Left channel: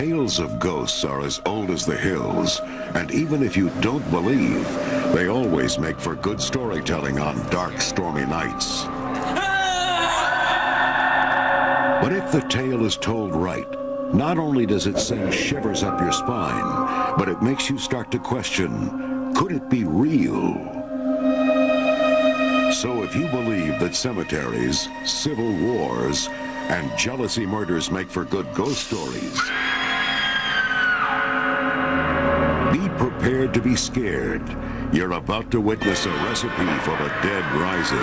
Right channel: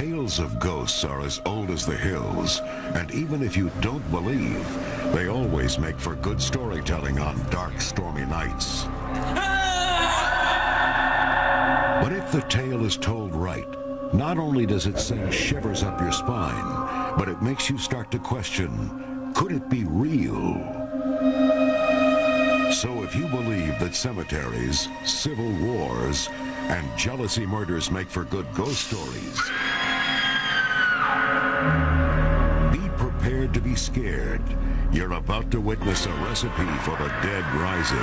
Tales of ghosts are as old as the hills, and even if you don't believe, they always make for good storytelling on dark, stormy nights. But if the tale is told right, not only does it send shivers up your spine, but it makes you start to question, could it be real? So if you believe that cemeteries, civil wars, and jealousy murders make for good ghost stories, be prepared to be scared. You're about to witness a recipe for the dead rising.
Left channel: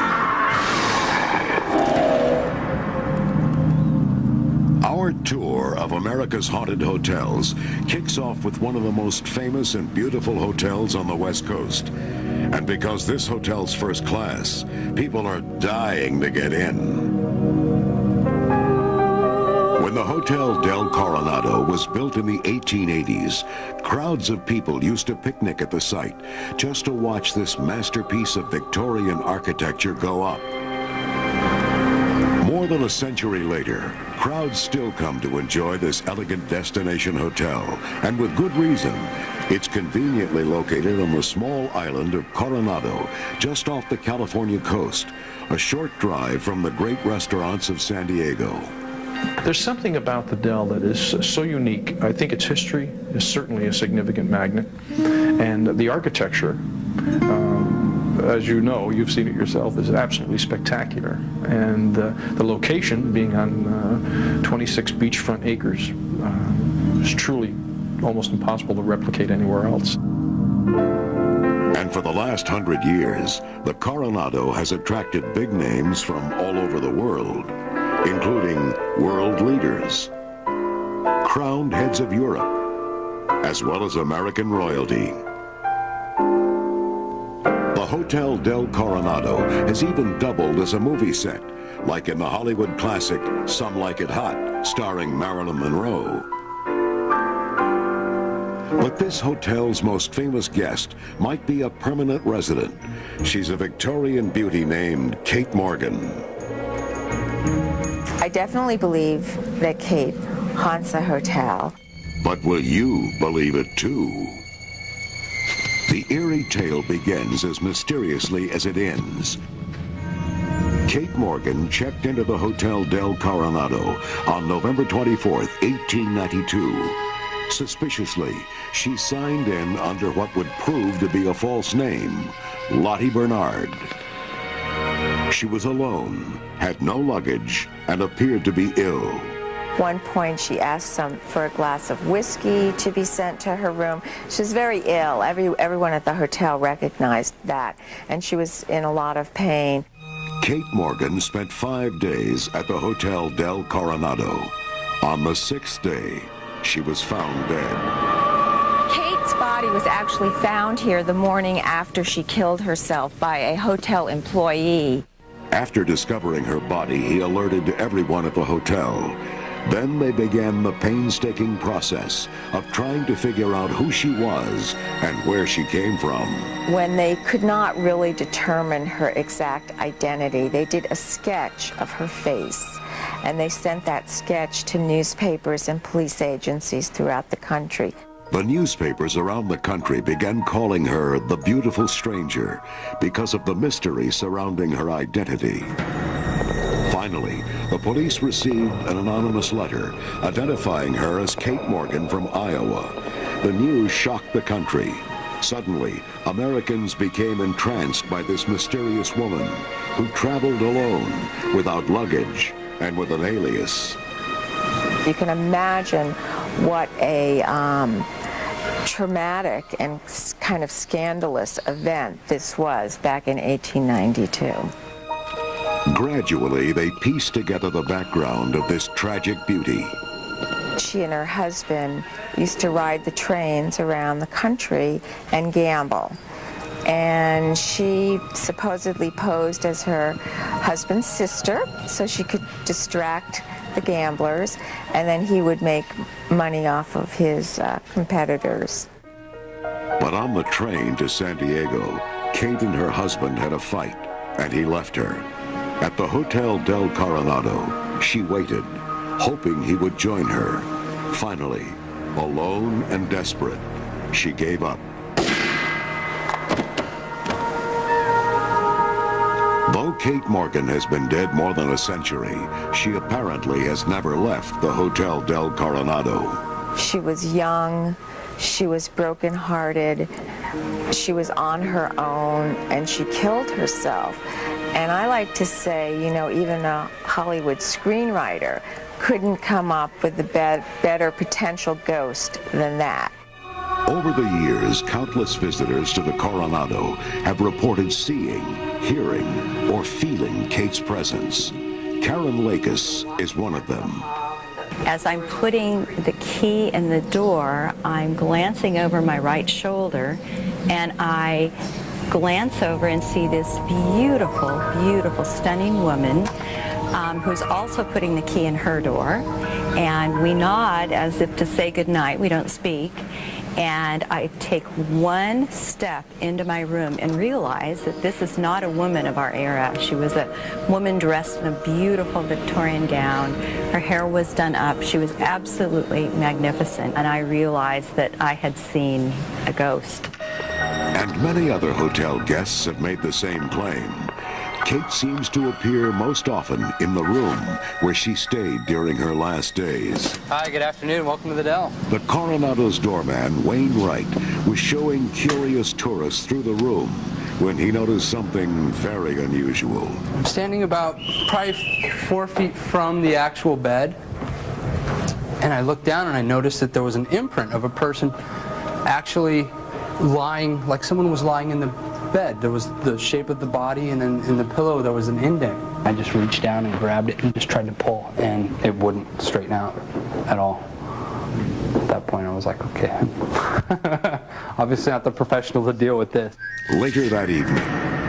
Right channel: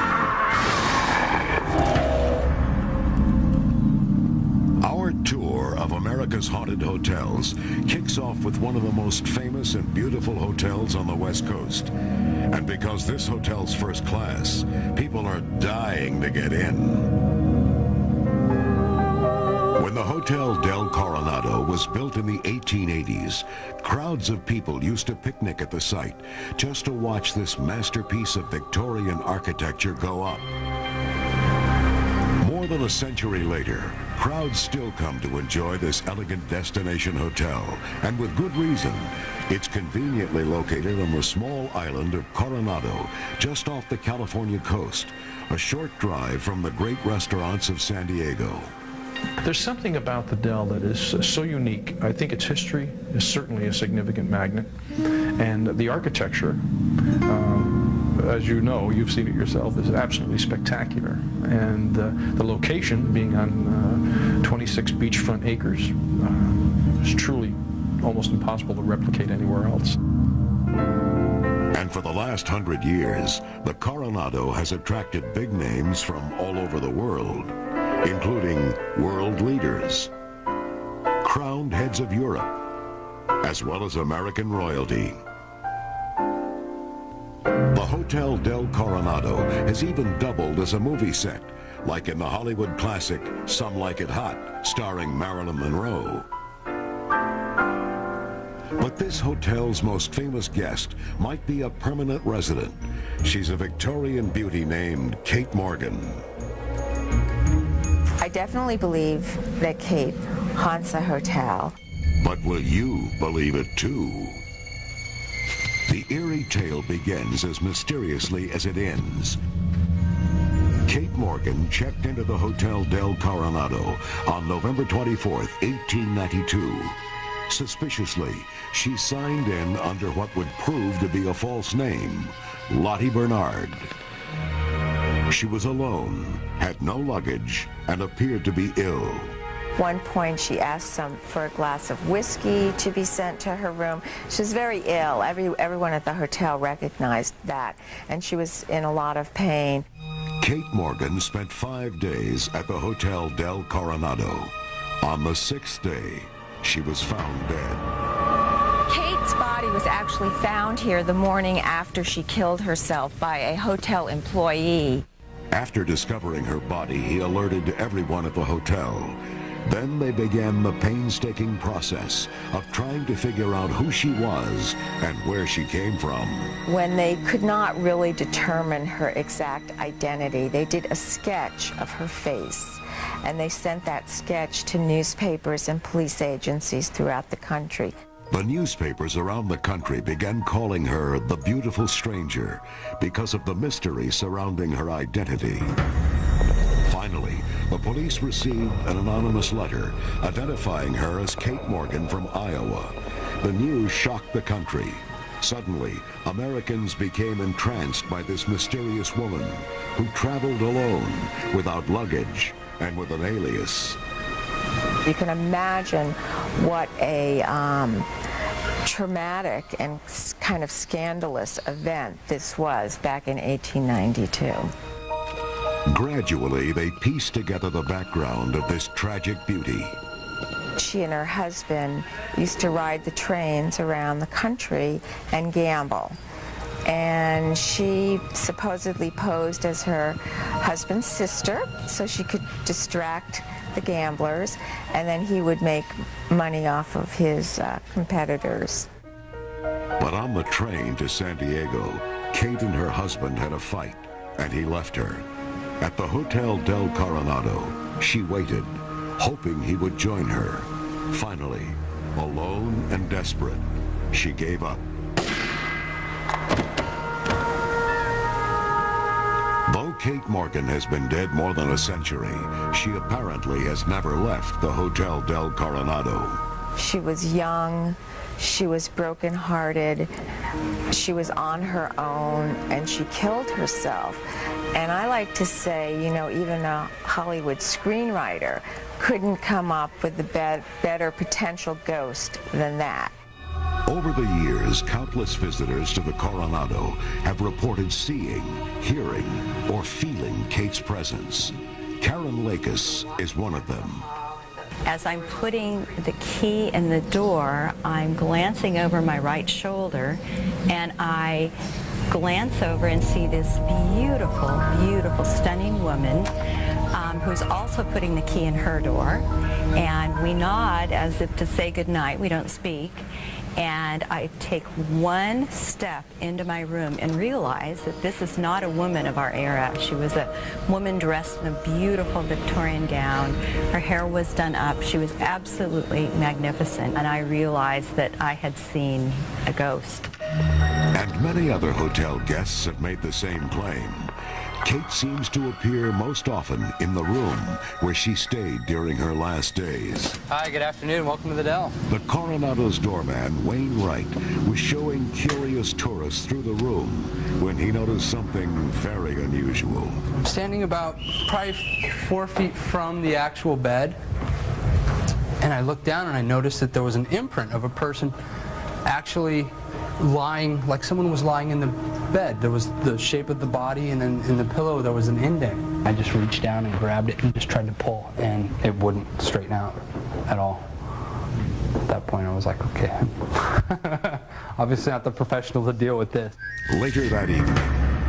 Our tour of America's haunted hotels kicks off with one of the most famous and beautiful hotels on the West Coast. And because this hotel's first class, people are dying to get in. When the Hotel del Coronado was built in the 1880s, crowds of people used to picnic at the site just to watch this masterpiece of Victorian architecture go up. More than a century later, crowds still come to enjoy this elegant destination hotel, and with good reason. It's conveniently located on the small island of Coronado, just off the California coast, a short drive from the great restaurants of San Diego. There's something about the Del that is so unique. I think its history is certainly a significant magnet, and the architecture, as you know, you've seen it yourself, is absolutely spectacular. And the location, being on 26 beachfront acres, is truly almost impossible to replicate anywhere else. And for the last 100 years, the Coronado has attracted big names from all over the world, including world leaders, crowned heads of Europe, as well as American royalty. The Hotel del Coronado has even doubled as a movie set, like in the Hollywood classic Some Like It Hot, starring Marilyn Monroe. But this hotel's most famous guest might be a permanent resident. She's a Victorian beauty named Kate Morgan. I definitely believe that Kate haunts a hotel. But will you believe it too? The eerie tale begins as mysteriously as it ends. Kate Morgan checked into the Hotel del Coronado on November 24th, 1892. Suspiciously, she signed in under what would prove to be a false name, Lottie Bernard. She was alone, had no luggage, and appeared to be ill. At one point, she asked for a glass of whiskey to be sent to her room. She was very ill. Everyone at the hotel recognized that, and she was in a lot of pain. Kate Morgan spent 5 days at the Hotel del Coronado. On the 6th day, she was found dead. Kate's body was actually found here the morning after she killed herself by a hotel employee. After discovering her body, he alerted everyone at the hotel. Then they began the painstaking process of trying to figure out who she was and where she came from. When they could not really determine her exact identity, they did a sketch of her face, and they sent that sketch to newspapers and police agencies throughout the country. The newspapers around the country began calling her the beautiful stranger because of the mystery surrounding her identity. Finally, the police received an anonymous letter identifying her as Kate Morgan from Iowa. The news shocked the country. Suddenly, Americans became entranced by this mysterious woman who traveled alone, without luggage, and with an alias. You can imagine what a traumatic and kind of scandalous event this was back in 1892. Gradually, they pieced together the background of this tragic beauty. She and her husband used to ride the trains around the country and gamble. And she supposedly posed as her husband's sister so she could distract the gamblers, and then he would make money off of his competitors. But on the train to San Diego, Kate and her husband had a fight, and he left her. At the Hotel del Coronado, she waited, hoping he would join her. Finally, Alone and desperate, she gave up. Though Kate Morgan has been dead more than a century, she apparently has never left the Hotel del Coronado. She was young, she was brokenhearted, she was on her own, and she killed herself. And I like to say, you know, even a Hollywood screenwriter couldn't come up with a better potential ghost than that. Over the years, countless visitors to the Coronado have reported seeing, hearing, or feeling Kate's presence. Karen Lakis is one of them. As I'm putting the key in the door, I'm glancing over my right shoulder, and I glance over and see this beautiful, beautiful, stunning woman who's also putting the key in her door. And we nod as if to say goodnight. We don't speak. And I take one step into my room and realize that this is not a woman of our era. She was a woman dressed in a beautiful Victorian gown. Her hair was done up. She was absolutely magnificent. And I realized that I had seen a ghost. And many other hotel guests have made the same claim. Kate seems to appear most often in the room where she stayed during her last days. Hi, good afternoon. Welcome to the Dell. The Coronado's doorman, Wayne Wright, was showing curious tourists through the room when he noticed something very unusual. I'm standing about probably 4 feet from the actual bed, and I looked down and I noticed that there was an imprint of a person actually lying, like someone was lying in the bed. There was the shape of the body, and then in the pillow there was an indent. I just reached down and grabbed it and just tried to pull, and it wouldn't straighten out at all. At that point I was like, okay, obviously not the professional to deal with this. Later that evening,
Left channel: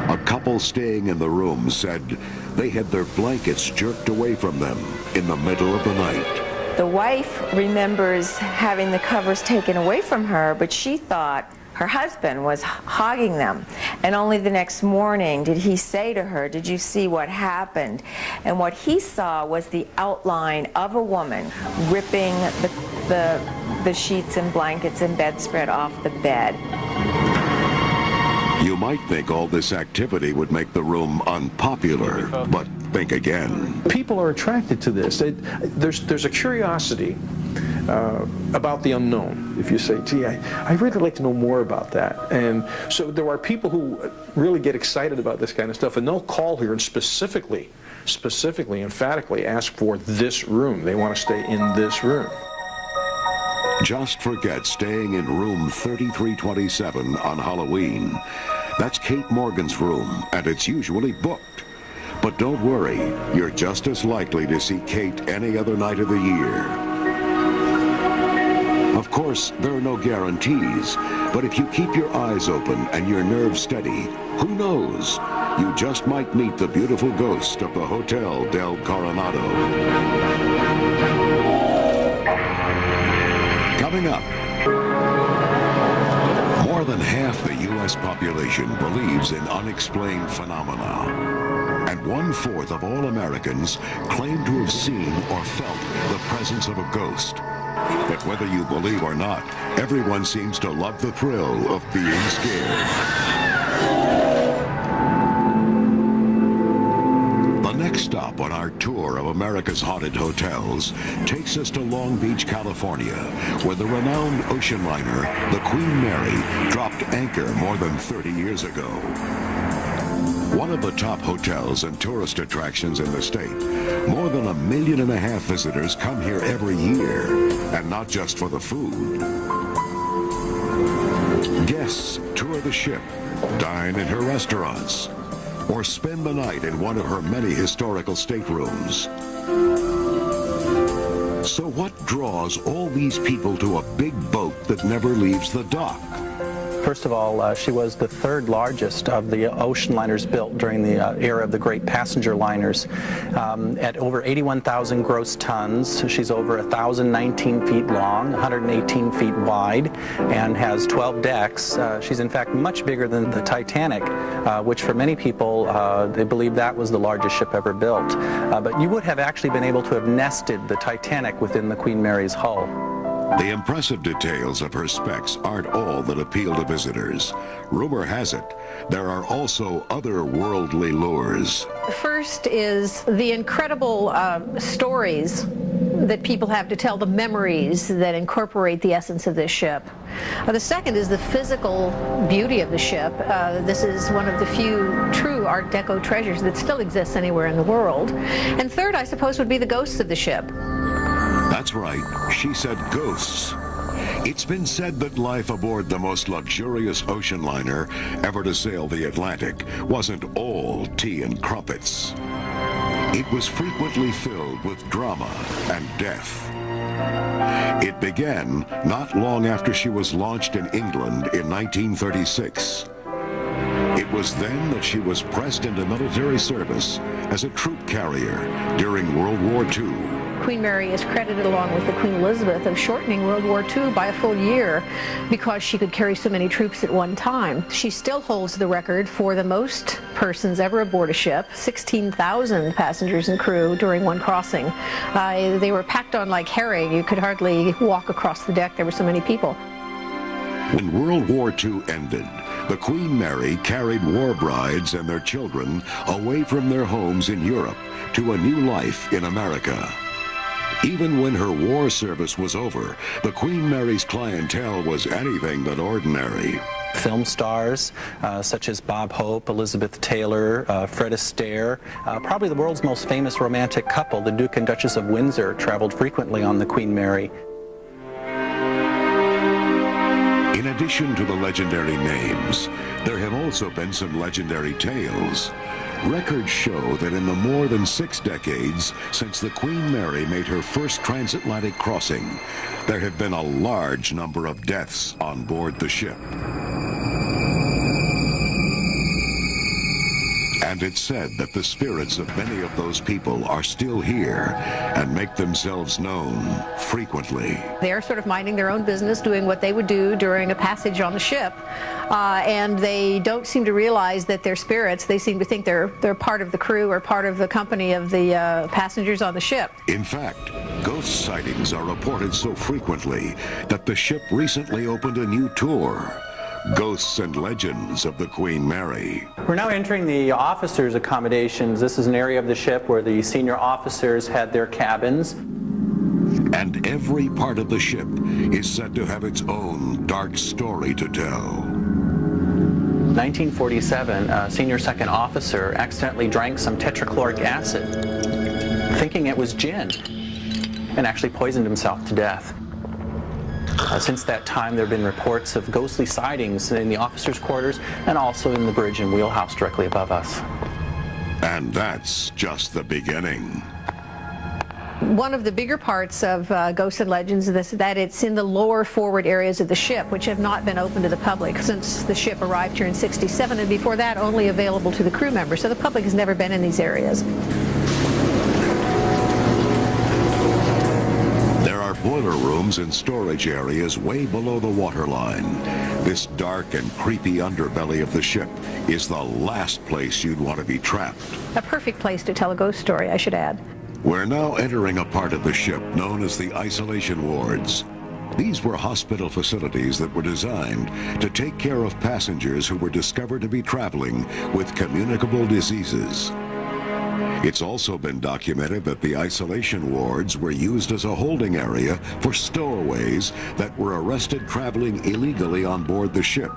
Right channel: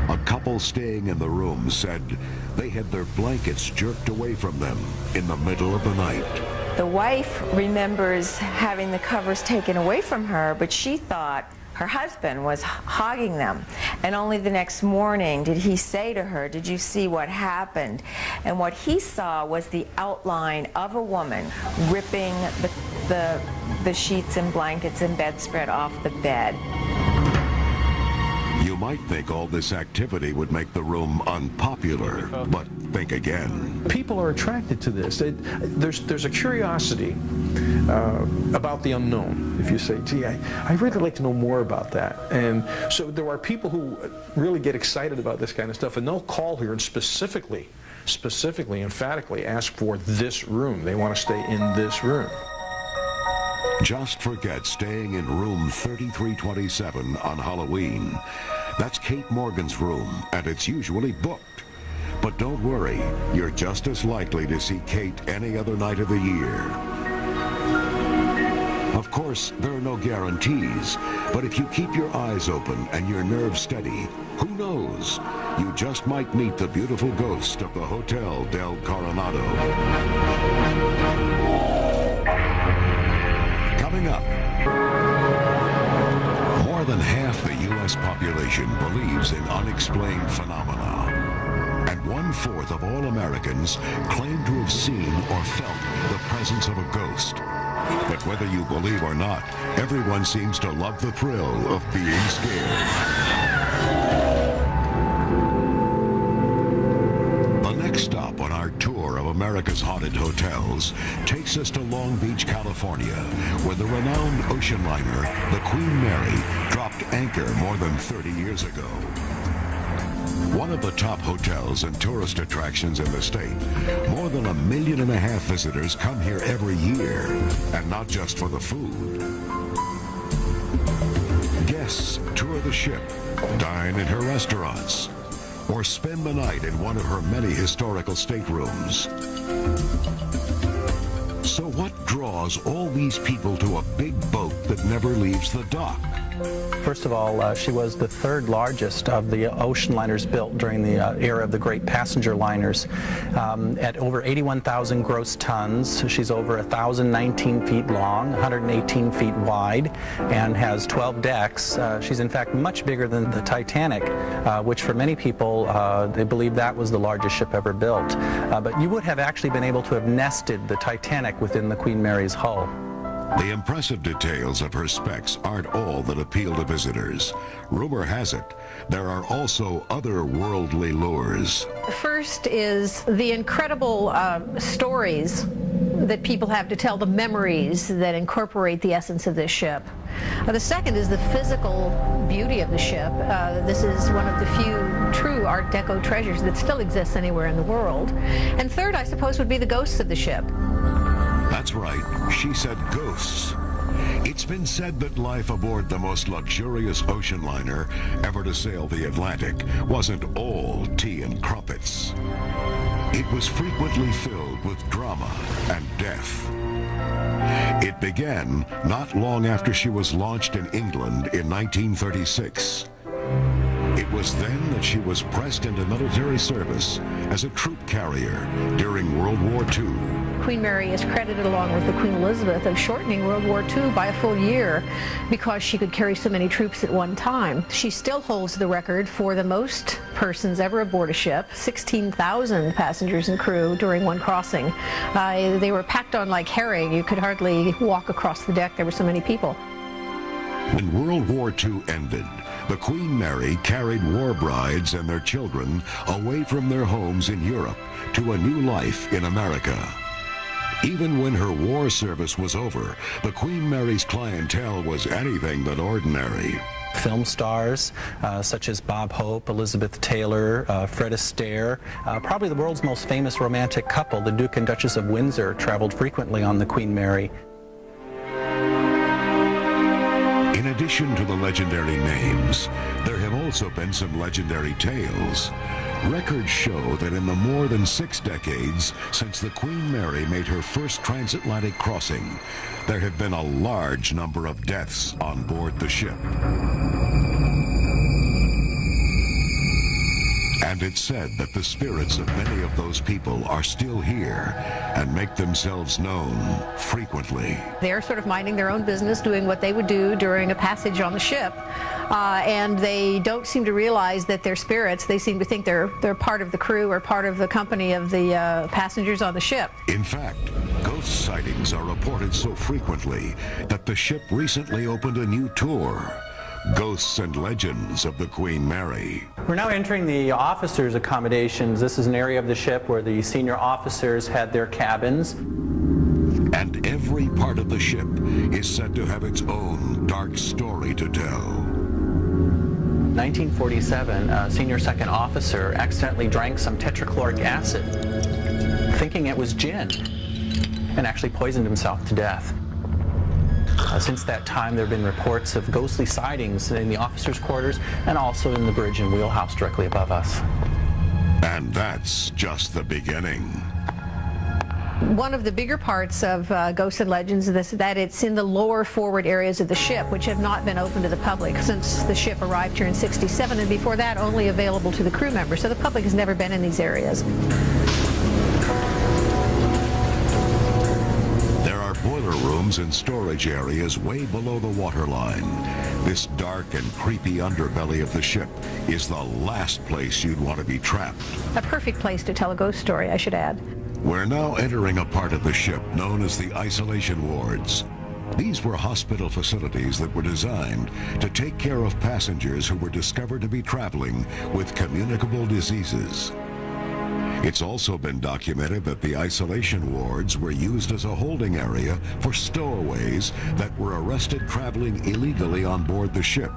a couple staying in the room said they had their blankets jerked away from them in the middle of the night. The wife remembers having the covers taken away from her, but she thought her husband was hogging them. And only the next morning did he say to her, "Did you see what happened?" And what he saw was the outline of a woman ripping the sheets and blankets and bedspread off the bed. You might think all this activity would make the room unpopular, but think again. People are attracted to this. There's a curiosity about the unknown. If you say, gee, I'd really like to know more about that. And so there are people who really get excited about this kind of stuff, and they'll call here and specifically, emphatically ask for this room. They want to stay in this room. Just forget staying in room 3327 on Halloween. That's Kate Morgan's room, and it's usually booked. But don't worry, you're just as likely to see Kate any other night of the year. Of course, there are no guarantees, but if you keep your eyes open and your nerves steady, who knows? You just might meet the beautiful ghost of the Hotel del Coronado. Coming up, more than half the U.S. population believes in unexplained phenomena. And 1/4 of all Americans claim to have seen or felt the presence of a ghost. But whether you believe or not, everyone seems to love the thrill of being scared. The next stop on our tour of America's haunted hotels takes us to Long Beach, California, where the renowned ocean liner, the Queen Mary, dropped anchor more than 30 years ago. One of the top hotels and tourist attractions in the state. More than 1.5 million visitors come here every year, and not just for the food. Guests tour the ship, dine in her restaurants, or spend the night in one of her many historical staterooms. So what draws all these people to a big boat that never leaves the dock? First of all, she was the third largest of the ocean liners built during the era of the great passenger liners. At over 81,000 gross tons, she's over 1,019 feet long, 118 feet wide, and has 12 decks. She's in fact much bigger than the Titanic, which for many people, they believe that was the largest ship ever built. But you would have actually been able to have nested the Titanic within the Queen Mary's hull. The impressive details of her specs aren't all that appeal to visitors. Rumor has it, there are also other worldly lures. First is the incredible stories that people have to tell, the memories that incorporate the essence of this ship. The second is the physical beauty of the ship. This is one of the few true Art Deco treasures that still exists anywhere in the world. And third, I suppose, would be the ghosts of the ship. That's right, she said ghosts. It's been said that life aboard the most luxurious ocean liner ever to sail the Atlantic wasn't all tea and crumpets. It was frequently filled with drama and death. It began not long after she was launched in England in 1936. It was then that she was pressed into military service as a troop carrier during World War II. Queen Mary is credited, along with the Queen Elizabeth, of shortening World War II by a full year because she could carry so many troops at one time. She still holds the record for the most persons ever aboard a ship, 16,000 passengers and crew during one crossing. They were packed on like herring. You could hardly walk across the deck. There were so many people. When World War II ended, the Queen Mary carried war brides and their children away from their homes in Europe to a new life in America. Even when her war service was over, the Queen Mary's clientele was anything but ordinary. Film stars such as Bob Hope, Elizabeth Taylor, Fred Astaire, probably the world's most famous romantic couple, the Duke and Duchess of Windsor, traveled frequently on the Queen Mary. In addition to the legendary names, there have also been some legendary tales. Records show that in the more than 6 decades since the Queen Mary made her first transatlantic crossing, there have been a large number of deaths on board the ship. And it's said that the spirits of many of those people are still here and make themselves known frequently. They're sort of minding their own business, doing what they would do during a passage on the ship. And they don't seem to realize that they're spirits. They seem to think they're part of the crew or part of the company of the passengers on the ship. In fact, ghost sightings are reported so frequently that the ship recently opened a new tour, Ghosts and Legends of the Queen Mary. We're now entering the officers' accommodations. This is an area of the ship where the senior officers had their cabins. And every part of the ship is said to have its own dark story to tell. 1947, a senior second officer accidentally drank some tetrachloric acid, thinking it was gin, and actually poisoned himself to death. Since that time, there have been reports of ghostly sightings in the officers' quarters and also in the bridge and wheelhouse directly above us. And that's just the beginning. One of the bigger parts of Ghosts and Legends is that it's in the lower forward areas of the ship, which have not been open to the public since the ship arrived here in '67, and before that only available to the crew members. So the public has never been in these areas. There are boiler rooms and storage areas way below the waterline. This dark and creepy underbelly of the ship is the last place you'd want to be trapped. A perfect place to tell a ghost story, I should add. We're now entering a part of the ship known as the isolation wards. These were hospital facilities that were designed to take care of passengers who were discovered to be traveling with communicable diseases. It's also been documented that the isolation wards were used as a holding area for stowaways that were arrested traveling illegally on board the ship.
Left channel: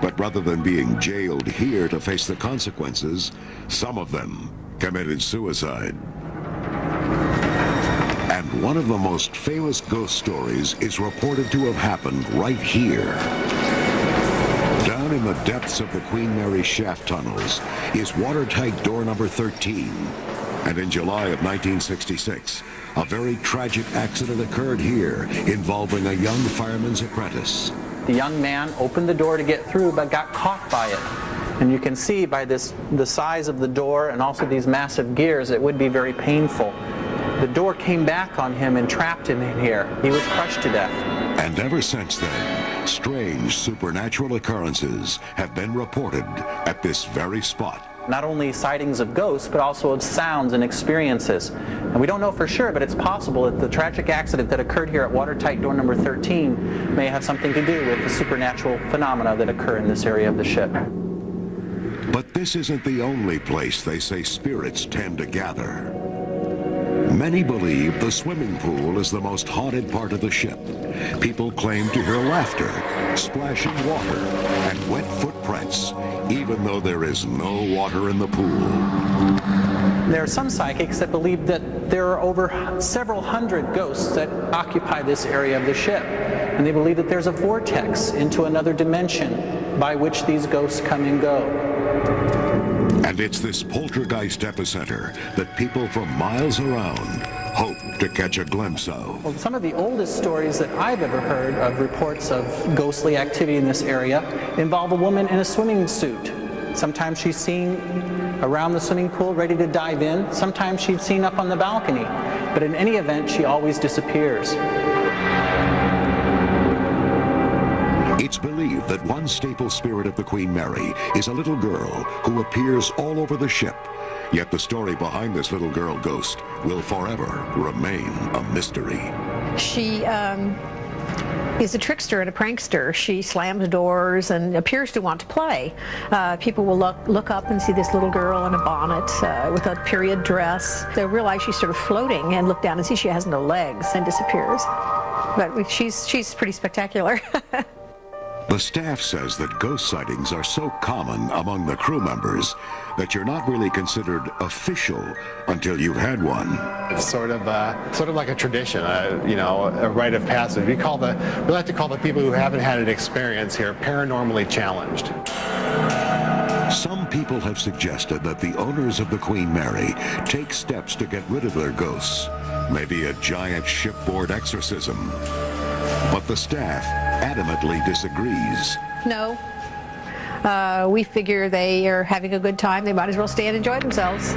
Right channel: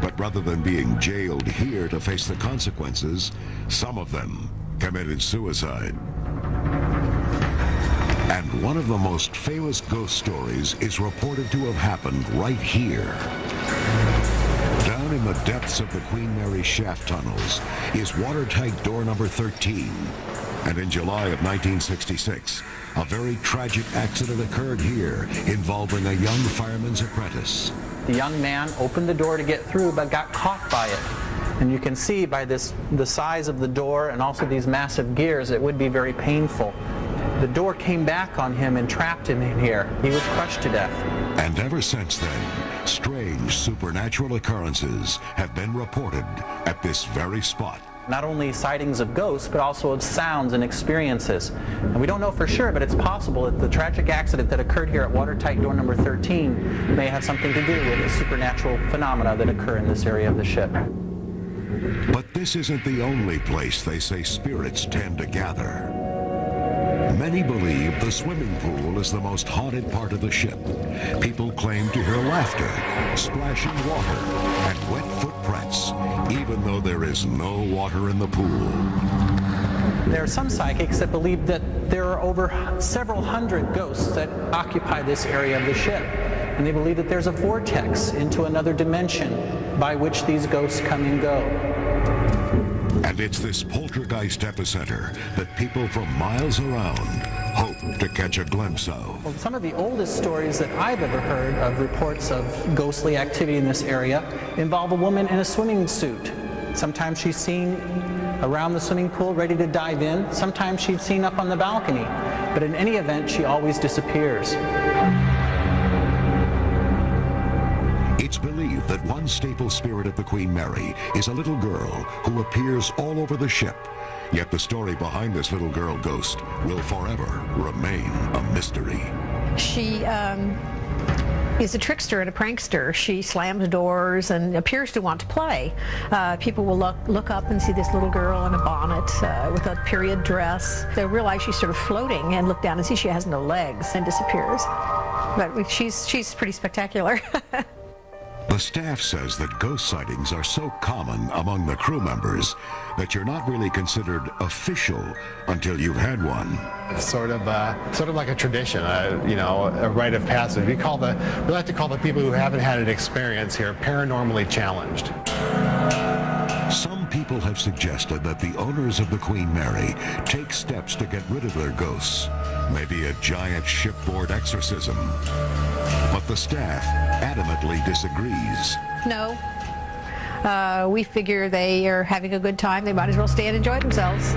But rather than being jailed here to face the consequences, some of them committed suicide. And one of the most famous ghost stories is reported to have happened right here. Down in the depths of the Queen Mary shaft tunnels is watertight door number 13. And in July of 1966, a very tragic accident occurred here involving a young fireman's apprentice. The young man opened the door to get through but got caught by it. And you can see by the size of the door and also these massive gears, it would be very painful. The door came back on him and trapped him in here. He was crushed to death. And ever since then, strange supernatural occurrences have been reported at this very spot. Not only sightings of ghosts, but also of sounds and experiences. And we don't know for sure, but it's possible that the tragic accident that occurred here at watertight door number 13 may have something to do with the supernatural phenomena that occur in this area of the ship. But this isn't the only place they say spirits tend to gather. Many believe the swimming pool is the most haunted part of the ship. People claim to hear laughter, splashing water, and wet footprints, even though there is no water in the pool. There are some psychics that believe that there are over several hundred ghosts that occupy this area of the ship. And they believe that there's a vortex into another dimension by which these ghosts come and go. And it's this poltergeist epicenter that people from miles around hope to catch a glimpse of. Well, some of the oldest stories that I've ever heard of reports of ghostly activity in this area involve a woman in a swimming suit. Sometimes she's seen around the swimming pool ready to dive in. Sometimes she's seen up on the balcony. But in any event, she always disappears. It's believed that one staple spirit of the Queen Mary is a little girl who appears all over the ship. Yet the story behind this little girl ghost will forever remain a mystery. She is a trickster and a prankster. She slams doors and appears to want to play. People will look up and see this little girl in a bonnet with a period dress. They'll realize she's sort of floating and look down and see she has no legs and disappears. But she's pretty spectacular. The staff says that ghost sightings are so common among the crew members that you're not really considered official until you've had one. It's sort of like a tradition, you know, a rite of passage. We like to call the people who haven't had an experience here paranormally challenged. Some people have suggested that the owners of the Queen Mary take steps to get rid of their ghosts, maybe a giant shipboard exorcism. But the staff adamantly disagrees. No. We figure they are having a good time. They might as well stay and enjoy themselves.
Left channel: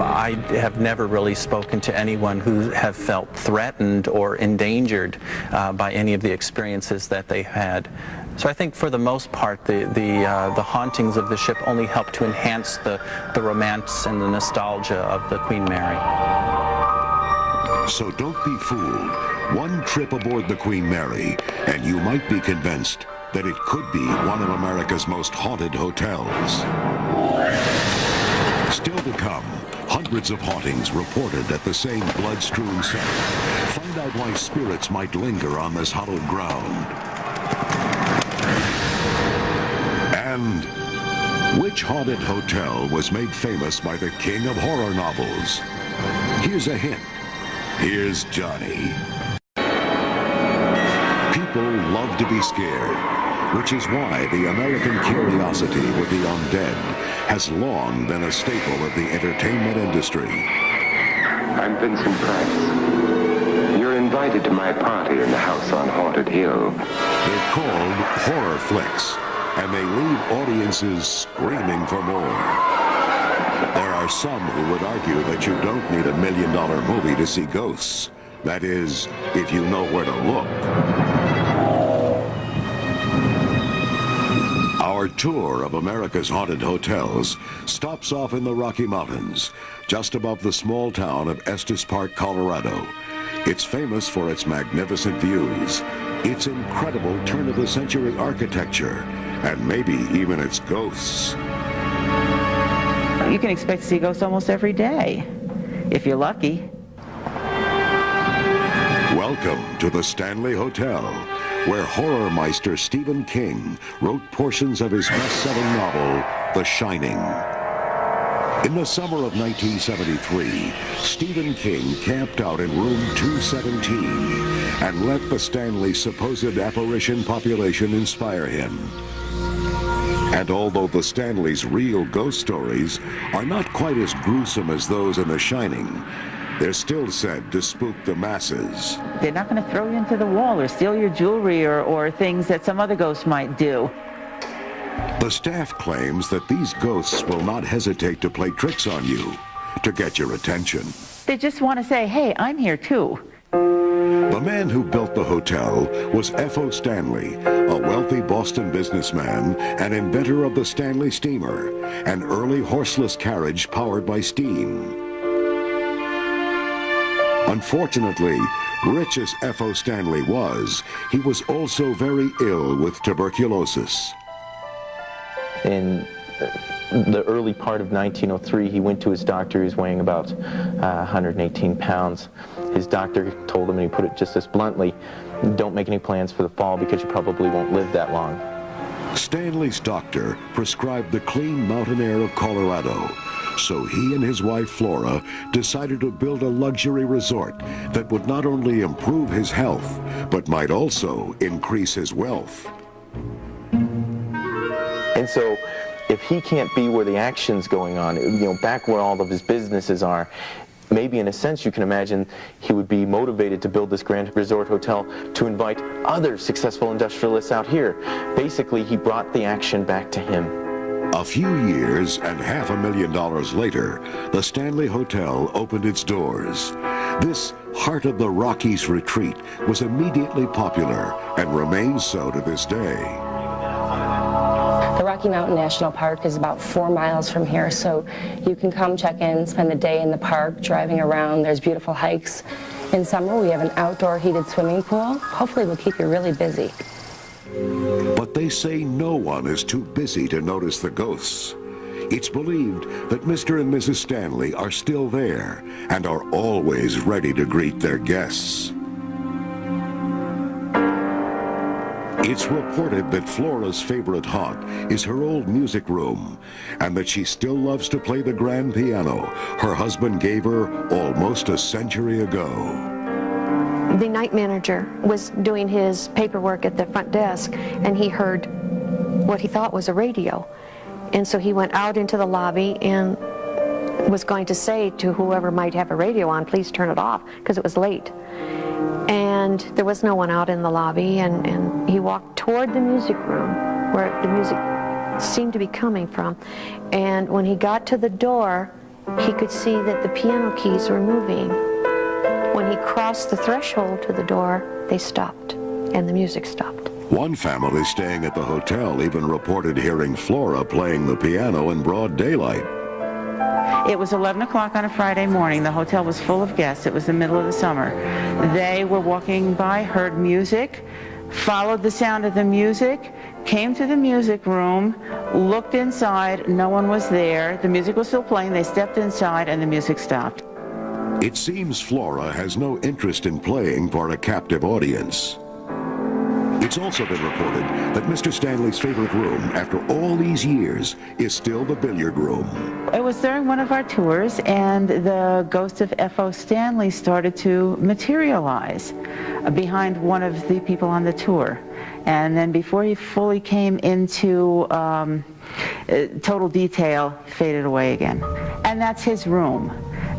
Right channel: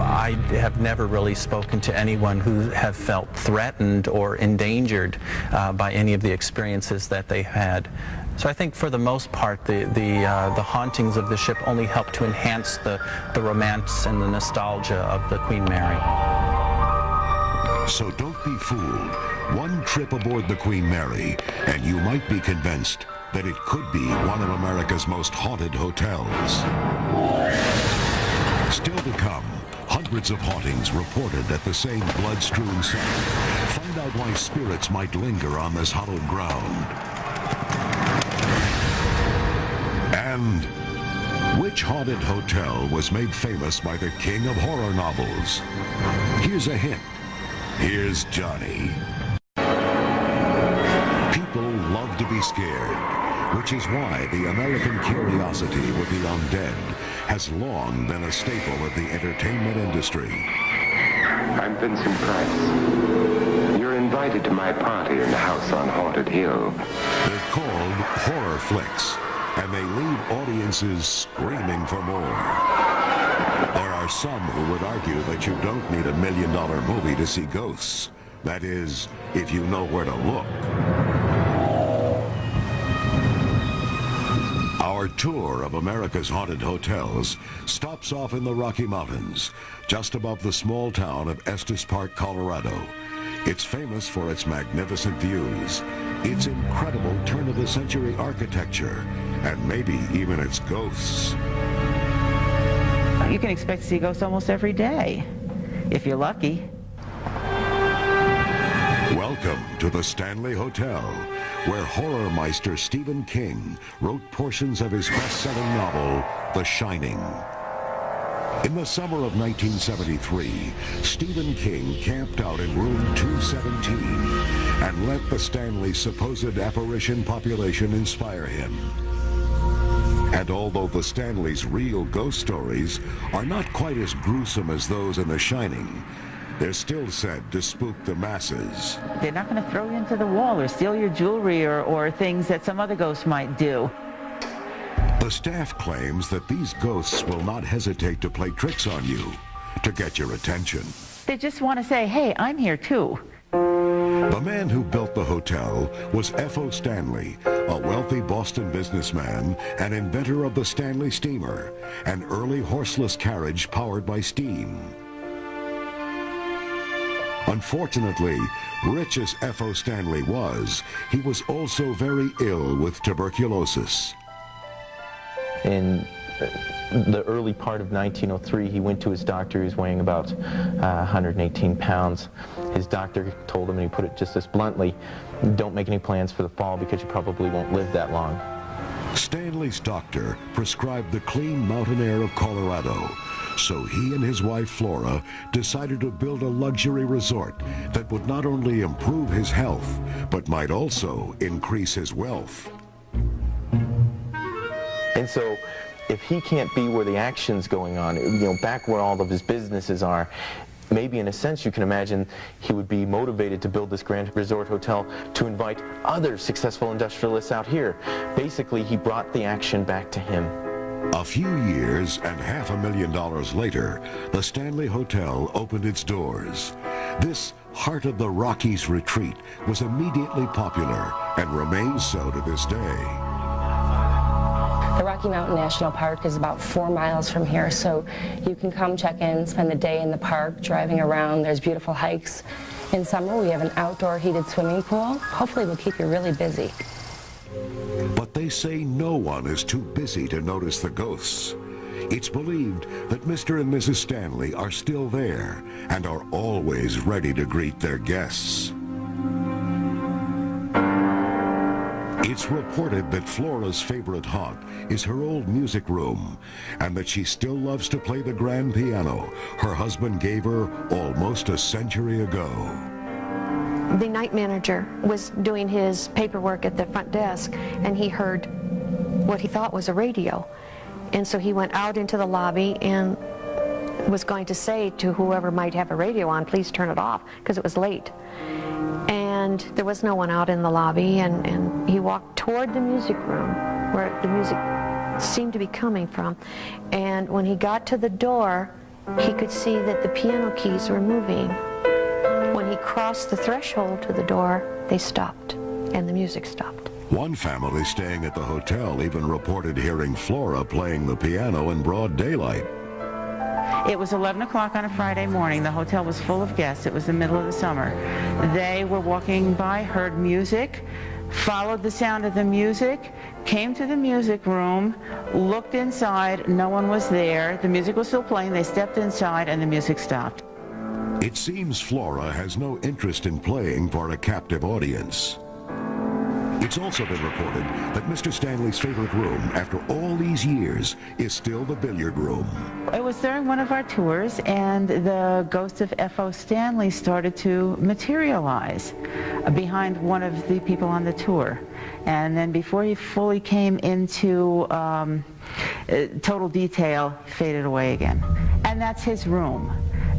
I have never really spoken to anyone who have felt threatened or endangered by any of the experiences that they had. So I think for the most part, the hauntings of the ship only help to enhance the romance and the nostalgia of the Queen Mary. So don't be fooled. One trip aboard the Queen Mary, and you might be convinced that it could be one of America's most haunted hotels. Still to come, hundreds of hauntings reported at the same blood-strewn site. Find out why spirits might linger on this hallowed ground. And which haunted hotel was made famous by the king of horror novels? Here's a hint. Here's Johnny. People love to be scared, which is why the American curiosity with the undead has long been a staple of the entertainment industry. I'm Vincent Price. You're invited to my party in the house on Haunted Hill. They're called horror flicks, and they leave audiences screaming for more. There are some who would argue that you don't need $1 million movie to see ghosts. That is, if you know where to look. Our tour of America's haunted hotels stops off in the Rocky Mountains, just above the small town of Estes Park, Colorado. It's famous for its magnificent views, its incredible turn-of-the-century architecture, and maybe even its ghosts. You can expect to see ghosts almost every day, if you're lucky. Welcome to the Stanley Hotel, where horror meister Stephen King wrote portions of his best-selling novel, The Shining. In the summer of 1973, Stephen King camped out in room 217 and let the Stanley's supposed apparition population inspire him. And although the Stanleys' real ghost stories are not quite as gruesome as those in The Shining, they're still said to spook the masses. They're not going to throw you into the wall or steal your jewelry or things that some other ghosts might do. The staff claims that these ghosts will not hesitate to play tricks on you to get your attention. They just want to say, hey, I'm here too. The man who built the hotel was F.O. Stanley, a wealthy Boston businessman and inventor of the Stanley steamer, an early horseless carriage powered by steam. Unfortunately, rich as F.O. Stanley was, he was also very ill with tuberculosis. In the early part of 1903, he went to his doctor. He was weighing about 118 pounds. His doctor told him, and he put it just as bluntly, don't make any plans for the fall because you probably won't live that long. Stanley's doctor prescribed the clean mountain air of Colorado, so he and his wife Flora decided to build a luxury resort that would not only improve his health, but might also increase his wealth. And so, if he can't be where the action's going on, back where all of his businesses are, maybe in a sense you can imagine he would be motivated to build this grand resort hotel to invite other successful industrialists out here. Basically, he brought the action back to him. A few years and $500,000 later, the Stanley Hotel opened its doors. This heart of the Rockies retreat was immediately popular and remains so to this day. The Rocky Mountain National Park is about 4 miles from here, so you can come check in, spend the day in the park, driving around. There's beautiful hikes. In summer, we have an outdoor heated swimming pool. Hopefully, we'll keep you really busy. But they say no one is too busy to notice the ghosts. It's believed that Mr. and Mrs. Stanley are still there and are always ready to greet their guests. It's reported that Flora's favorite haunt is her old music room, and that she still loves to play the grand piano her husband gave her almost a century ago. The night manager was doing his paperwork at the front desk, and he heard what he thought was a radio. And so he went out into the lobby and was going to say to whoever might have a radio on, please turn it off, because it was late. And there was no one out in the lobby, and he walked toward the music room where the music seemed to be coming from. And when he got to the door, he could see that the piano keys were moving. When he crossed the threshold to the door, they stopped, and the music stopped. One family staying at the hotel even reported hearing Flora playing the piano in broad daylight. It was 11 o'clock on a Friday morning. The hotel was full of guests. It was the middle of the summer. They were walking by, heard music, followed the sound of the music, came to the music room, looked inside. No one was there. The music was still playing. They stepped inside, and the music stopped. It seems Flora has no interest in playing for a captive audience. It's also been reported that Mr. Stanley's favorite room, after all these years, is still the billiard room. It was during one of our tours, and the ghost of F.O. Stanley started to materialize behind one of the people on the tour. And then before he fully came into total detail, faded away again. And that's his room.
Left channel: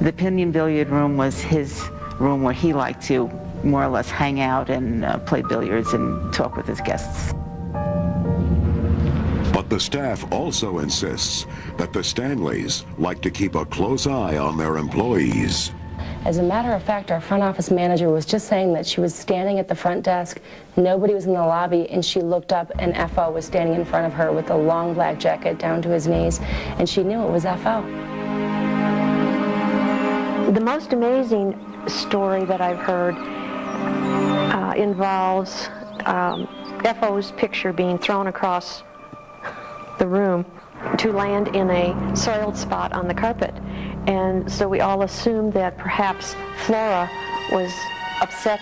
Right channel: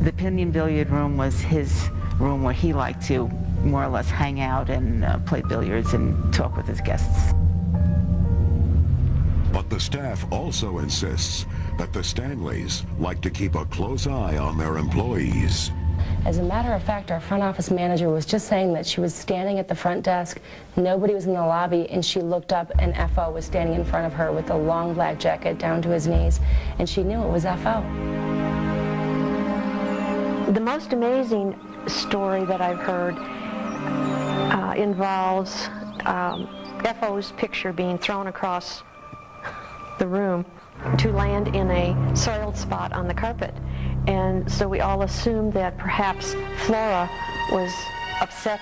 The Pinion Billiard Room was his room where he liked to more or less hang out and play billiards and talk with his guests. But the staff also insists that the Stanleys like to keep a close eye on their employees. As a matter of fact, our front office manager was just saying that she was standing at the front desk, nobody was in the lobby, and she looked up and F.O. was standing in front of her with a long black jacket down to his knees, and she knew it was F.O. The most amazing story that I've heard involves F.O.'s picture being thrown across the room to land in a soiled spot on the carpet. And so we all assumed that perhaps Flora was upset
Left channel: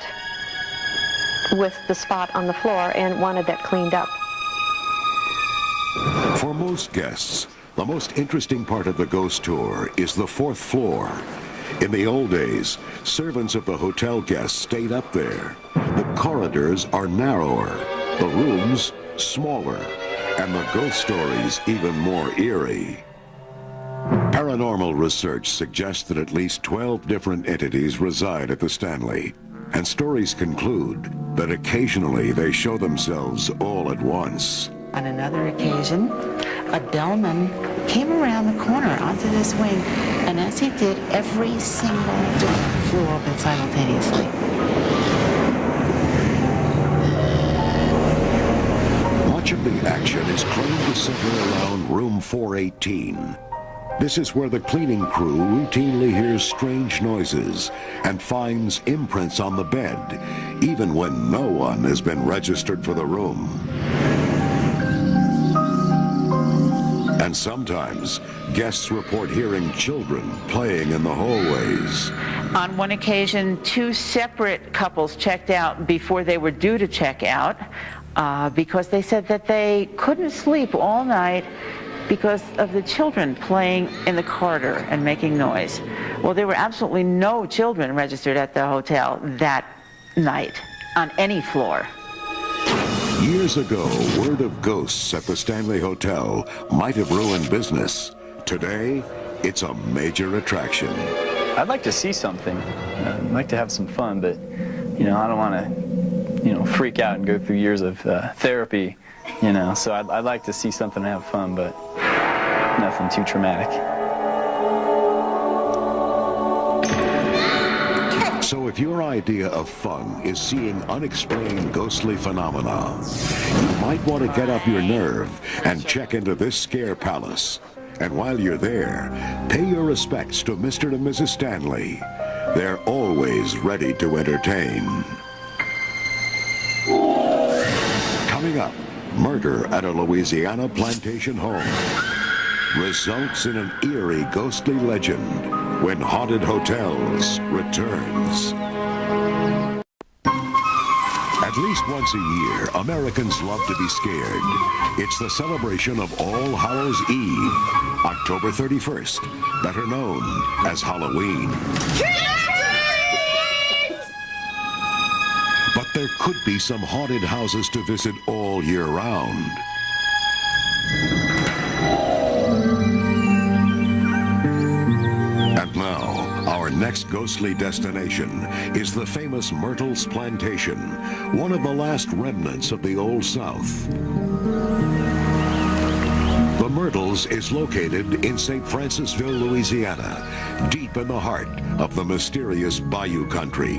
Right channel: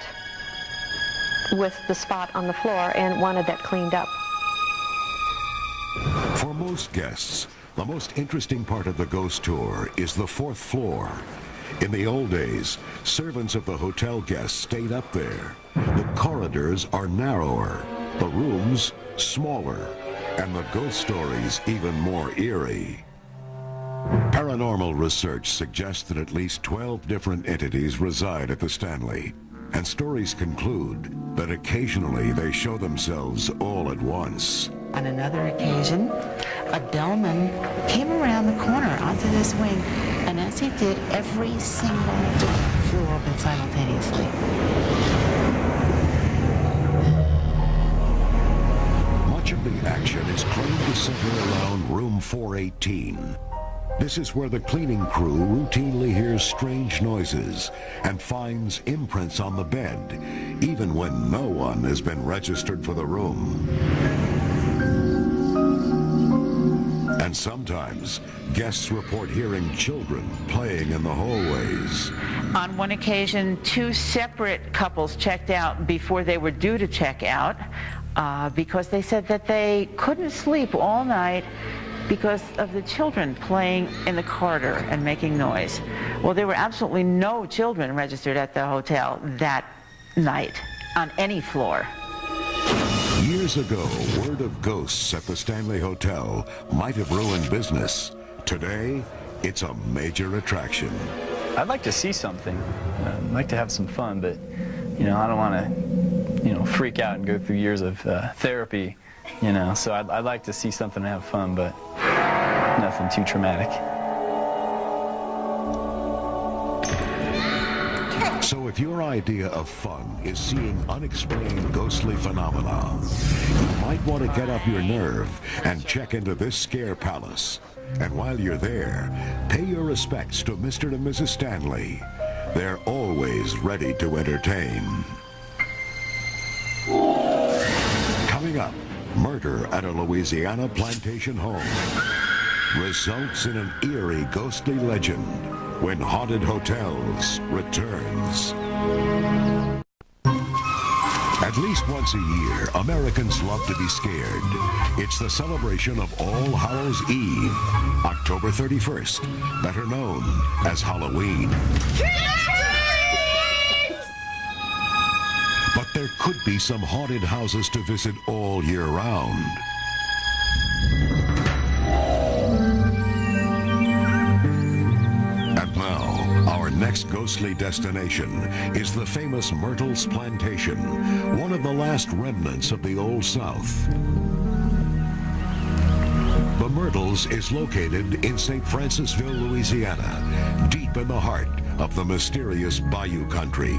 with the spot on the floor and wanted that cleaned up. For most guests, the most interesting part of the ghost tour is the 4th floor. In the old days, servants of the hotel guests stayed up there. The corridors are narrower, the rooms smaller, and the ghost stories even more eerie. Paranormal research suggests that at least 12 different entities reside at the Stanley, and stories conclude that occasionally they show themselves all at once. On another occasion, a bellman came around the corner onto this wing, and as he did, every single door flew open simultaneously. action is claimed to center around room 418. This is where the cleaning crew routinely hears strange noises and finds imprints on the bed, even when no one has been registered for the room. And sometimes, guests report hearing children playing in the hallways. On one occasion, 2 separate couples checked out before they were due to check out because they said that they couldn't sleep all night because of the children playing in the corridor and making noise. Well, there were absolutely no children registered at the hotel that night on any floor. Years ago, word of ghosts at the Stanley Hotel might have ruined business. Today, it's a major attraction. I'd like to see something. I'd like to have some fun, but, you know, I don't want to, you know, freak out and go through years of therapy, you know. So I'd like to see something and have fun, but nothing too traumatic. So if your idea of fun is seeing unexplained ghostly phenomena, you might want to get up your nerve and check into this scare palace. And while you're there, pay your respects to Mr. and Mrs. Stanley. They're always ready to entertain. Coming up, murder at a Louisiana plantation home results in an eerie ghostly legend when Haunted Hotels returns. At least once a year, Americans love to be scared. It's the celebration of All Hallows Eve, October 31st, better known as Halloween. But there could be some haunted houses to visit all year round. And now, our next ghostly destination is the famous Myrtles Plantation, one of the last remnants of the Old South. The Myrtles is located in St. Francisville, Louisiana, deep in the heart of the mysterious Bayou Country.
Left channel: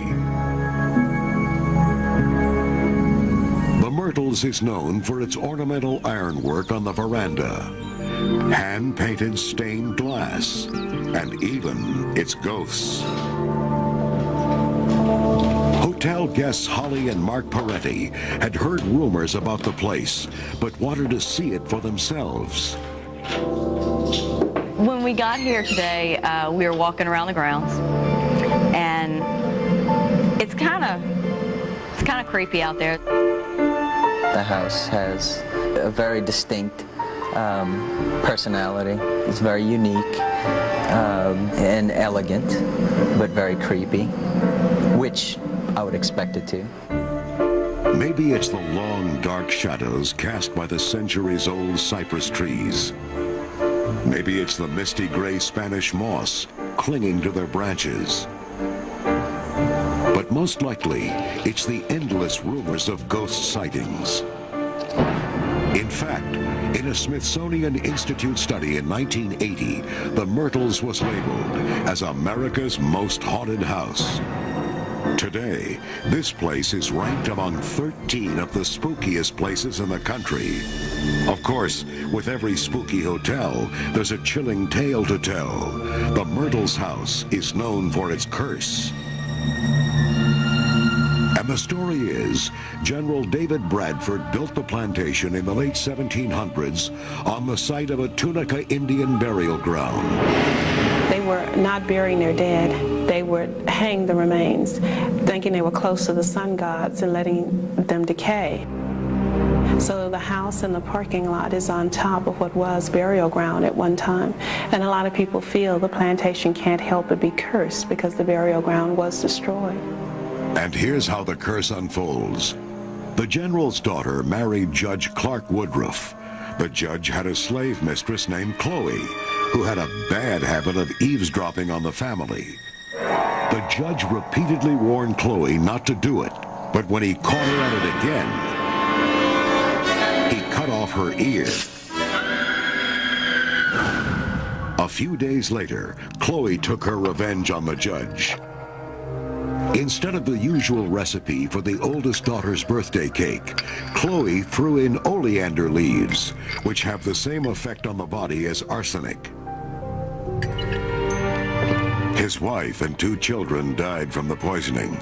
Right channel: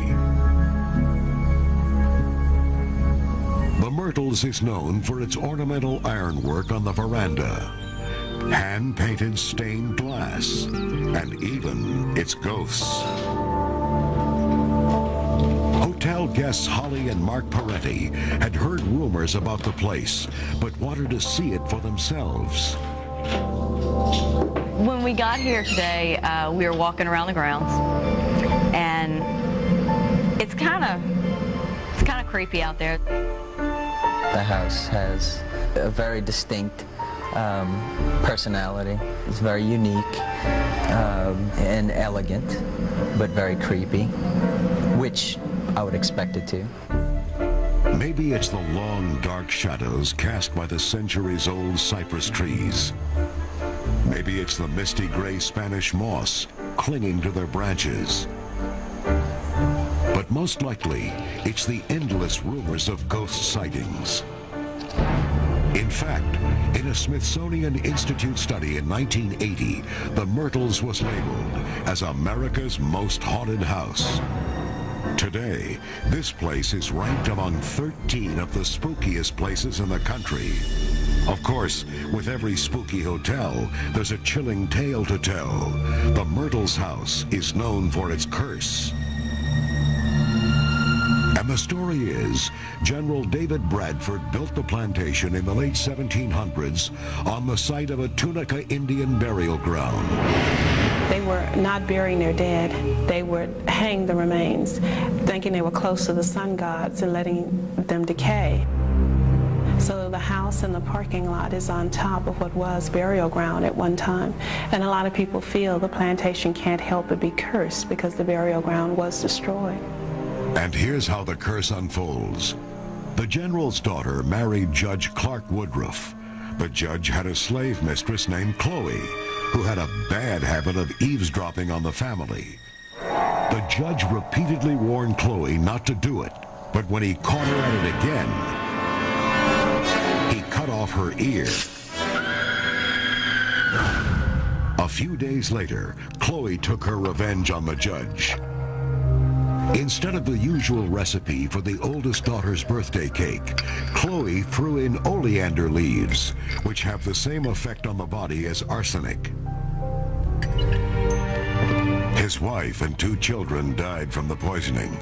The Myrtles is known for its ornamental ironwork on the veranda, hand-painted stained glass, and even its ghosts. Hotel guests Holly and Mark Peretti had heard rumors about the place, but wanted to see it for themselves. When we got here today, we were walking around the grounds, and it's kind of creepy out there. The house has a very distinct personality. It's very unique and elegant, but very creepy, which I would expect it to. Maybe it's the long, dark shadows cast by the centuries-old cypress trees. Maybe it's the misty gray Spanish moss clinging to their branches. But most likely, it's the endless rumors of ghost sightings. In fact, in a Smithsonian Institute study in 1980, the Myrtles was labeled as America's most haunted house. Today, this place is ranked among 13 of the spookiest places in the country. Of course, with every spooky hotel, there's a chilling tale to tell. The Myrtles house is known for its curse. And the story is, General David Bradford built the plantation in the late 1700s on the site of a Tunica Indian burial ground. They were not burying their dead. They would hang the remains, thinking they were close to the sun gods and letting them decay. So the house and the parking lot is on top of what was burial ground at one time. And a lot of people feel the plantation can't help but be cursed because the burial ground was destroyed. And here's how the curse unfolds. The general's daughter married Judge Clark Woodruff. The judge had a slave mistress named Chloe, who had a bad habit of eavesdropping on the family. The judge repeatedly warned Chloe not to do it, but when he caught her at it again, he cut off her ear. A few days later, Chloe took her revenge on the judge. Instead of the usual recipe for the oldest daughter's birthday cake, Chloe threw in oleander leaves, which have the same effect on the body as arsenic. His wife and 2 children died from the poisoning.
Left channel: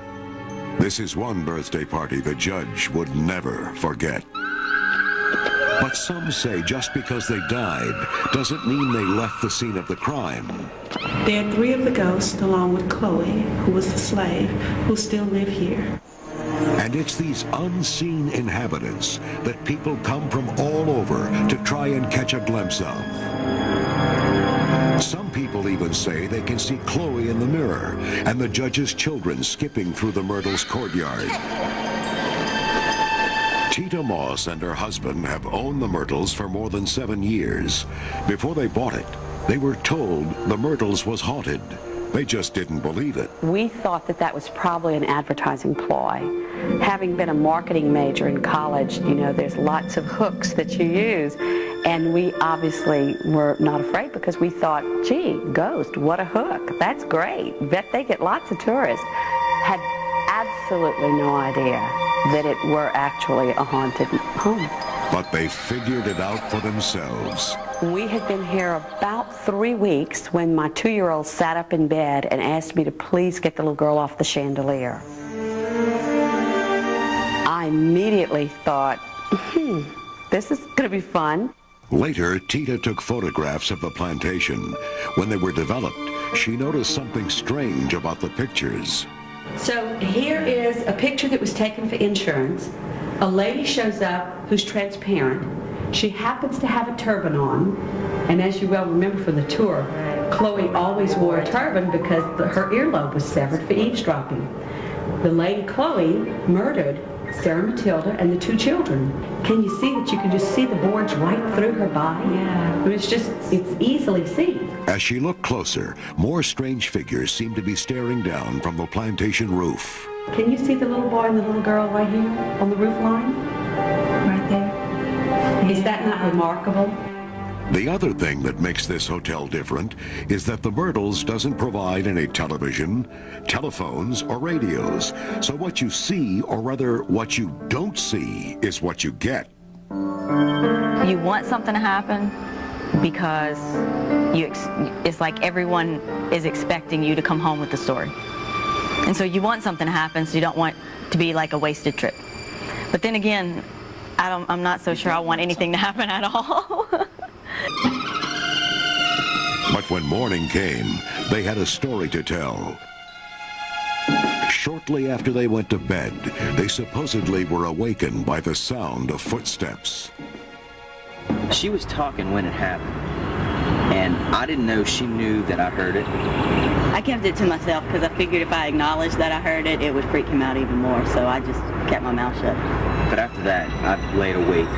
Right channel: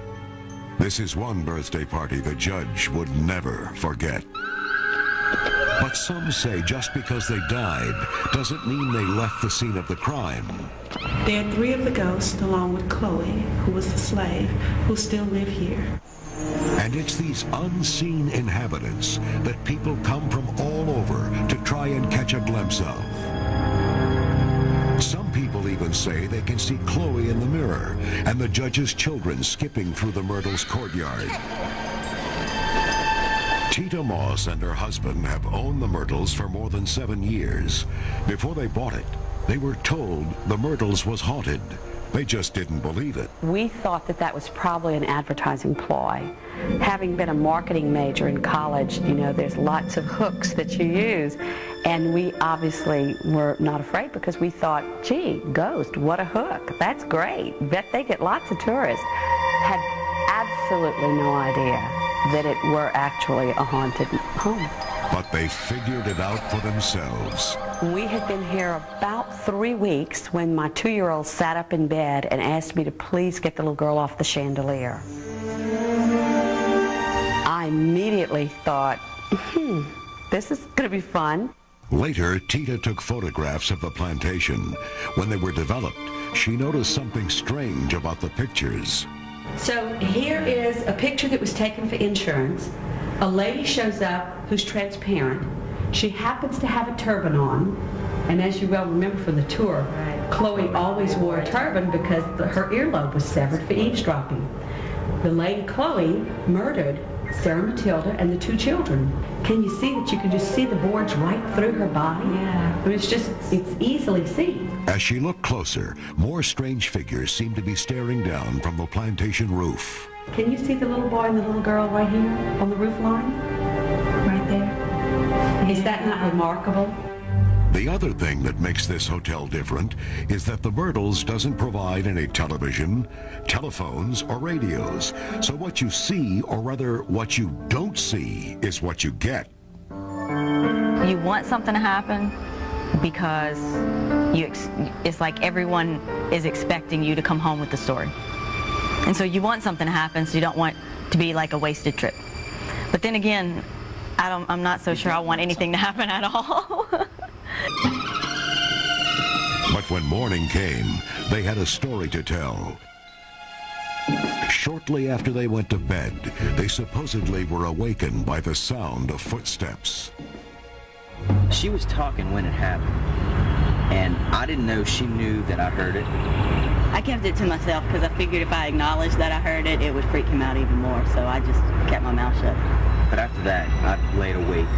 This is one birthday party the judge would never forget. But some say just because they died doesn't mean they left the scene of the crime. There are 3 of the ghosts, along with Chloe, who was the slave, who still live here. And it's these unseen inhabitants that people come from all over to try and catch a glimpse of. Some people even say they can see Chloe in the mirror and the judge's children skipping through the Myrtles' courtyard. Tita Moss and her husband have owned the Myrtles for more than 7 years. Before they bought it, they were told the Myrtles was haunted. They just didn't believe it. We thought that that was probably an advertising ploy. Having been a marketing major in college, you know, there's lots of hooks that you use. And we obviously were not afraid because we thought, gee, ghost, what a hook. That's great. Bet they get lots of tourists. Had absolutely no idea that it were actually a haunted home. But they figured it out for themselves. We had been here about 3 weeks when my 2-year-old sat up in bed and asked me to please get the little girl off the chandelier. I immediately thought, this is going to be fun. Later, Tita took photographs of the plantation. When they were developed, she noticed something strange about the pictures. So here is a picture that was taken for insurance. A lady shows up who's transparent. She happens to have a turban on. And as you well remember from the tour, Chloe always wore a turban because her earlobe was severed for eavesdropping. The lady Chloe murdered Sarah Matilda and the 2 children. Can you see that you can just see the boards right through her body? Yeah. It's easily seen. As she looked closer, more strange figures seemed to be staring down from the plantation roof. Can you see the little boy and the little girl right here on the roof line? Right there. Is that not remarkable? The other thing that makes this hotel different is that the Myrtles doesn't provide any television, telephones, or radios. So what you see, or rather what you don't see, is what you get. You want something to happen because it's like everyone is expecting you to come home with the story. And so you want something to happen, so you don't want to be like a wasted trip. But then again, I'm not so sure I want anything to happen at all. But when morning came, they had a story to tell. Shortly after they went to bed, they supposedly were awakened by the sound of footsteps. She was talking when it happened, and I didn't know she knew that I heard it. I kept it to myself because I figured if I acknowledged that I heard it, it would freak him out even more, so I just kept my mouth shut. But after that, I laid awake,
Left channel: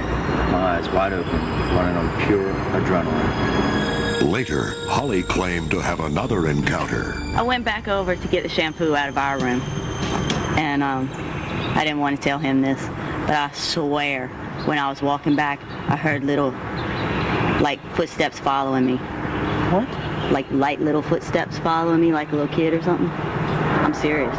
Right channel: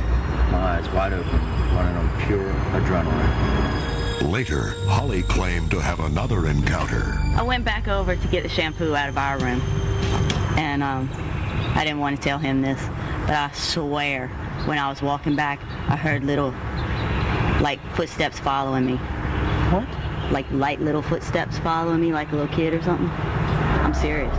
my eyes wide open, running on pure adrenaline. Later, Holly claimed to have another encounter. I went back over to get the shampoo out of our room, and I didn't want to tell him this, but I swear, when I was walking back, I heard little, like, footsteps following me. What? Like light little footsteps following me like a little kid or something. I'm serious.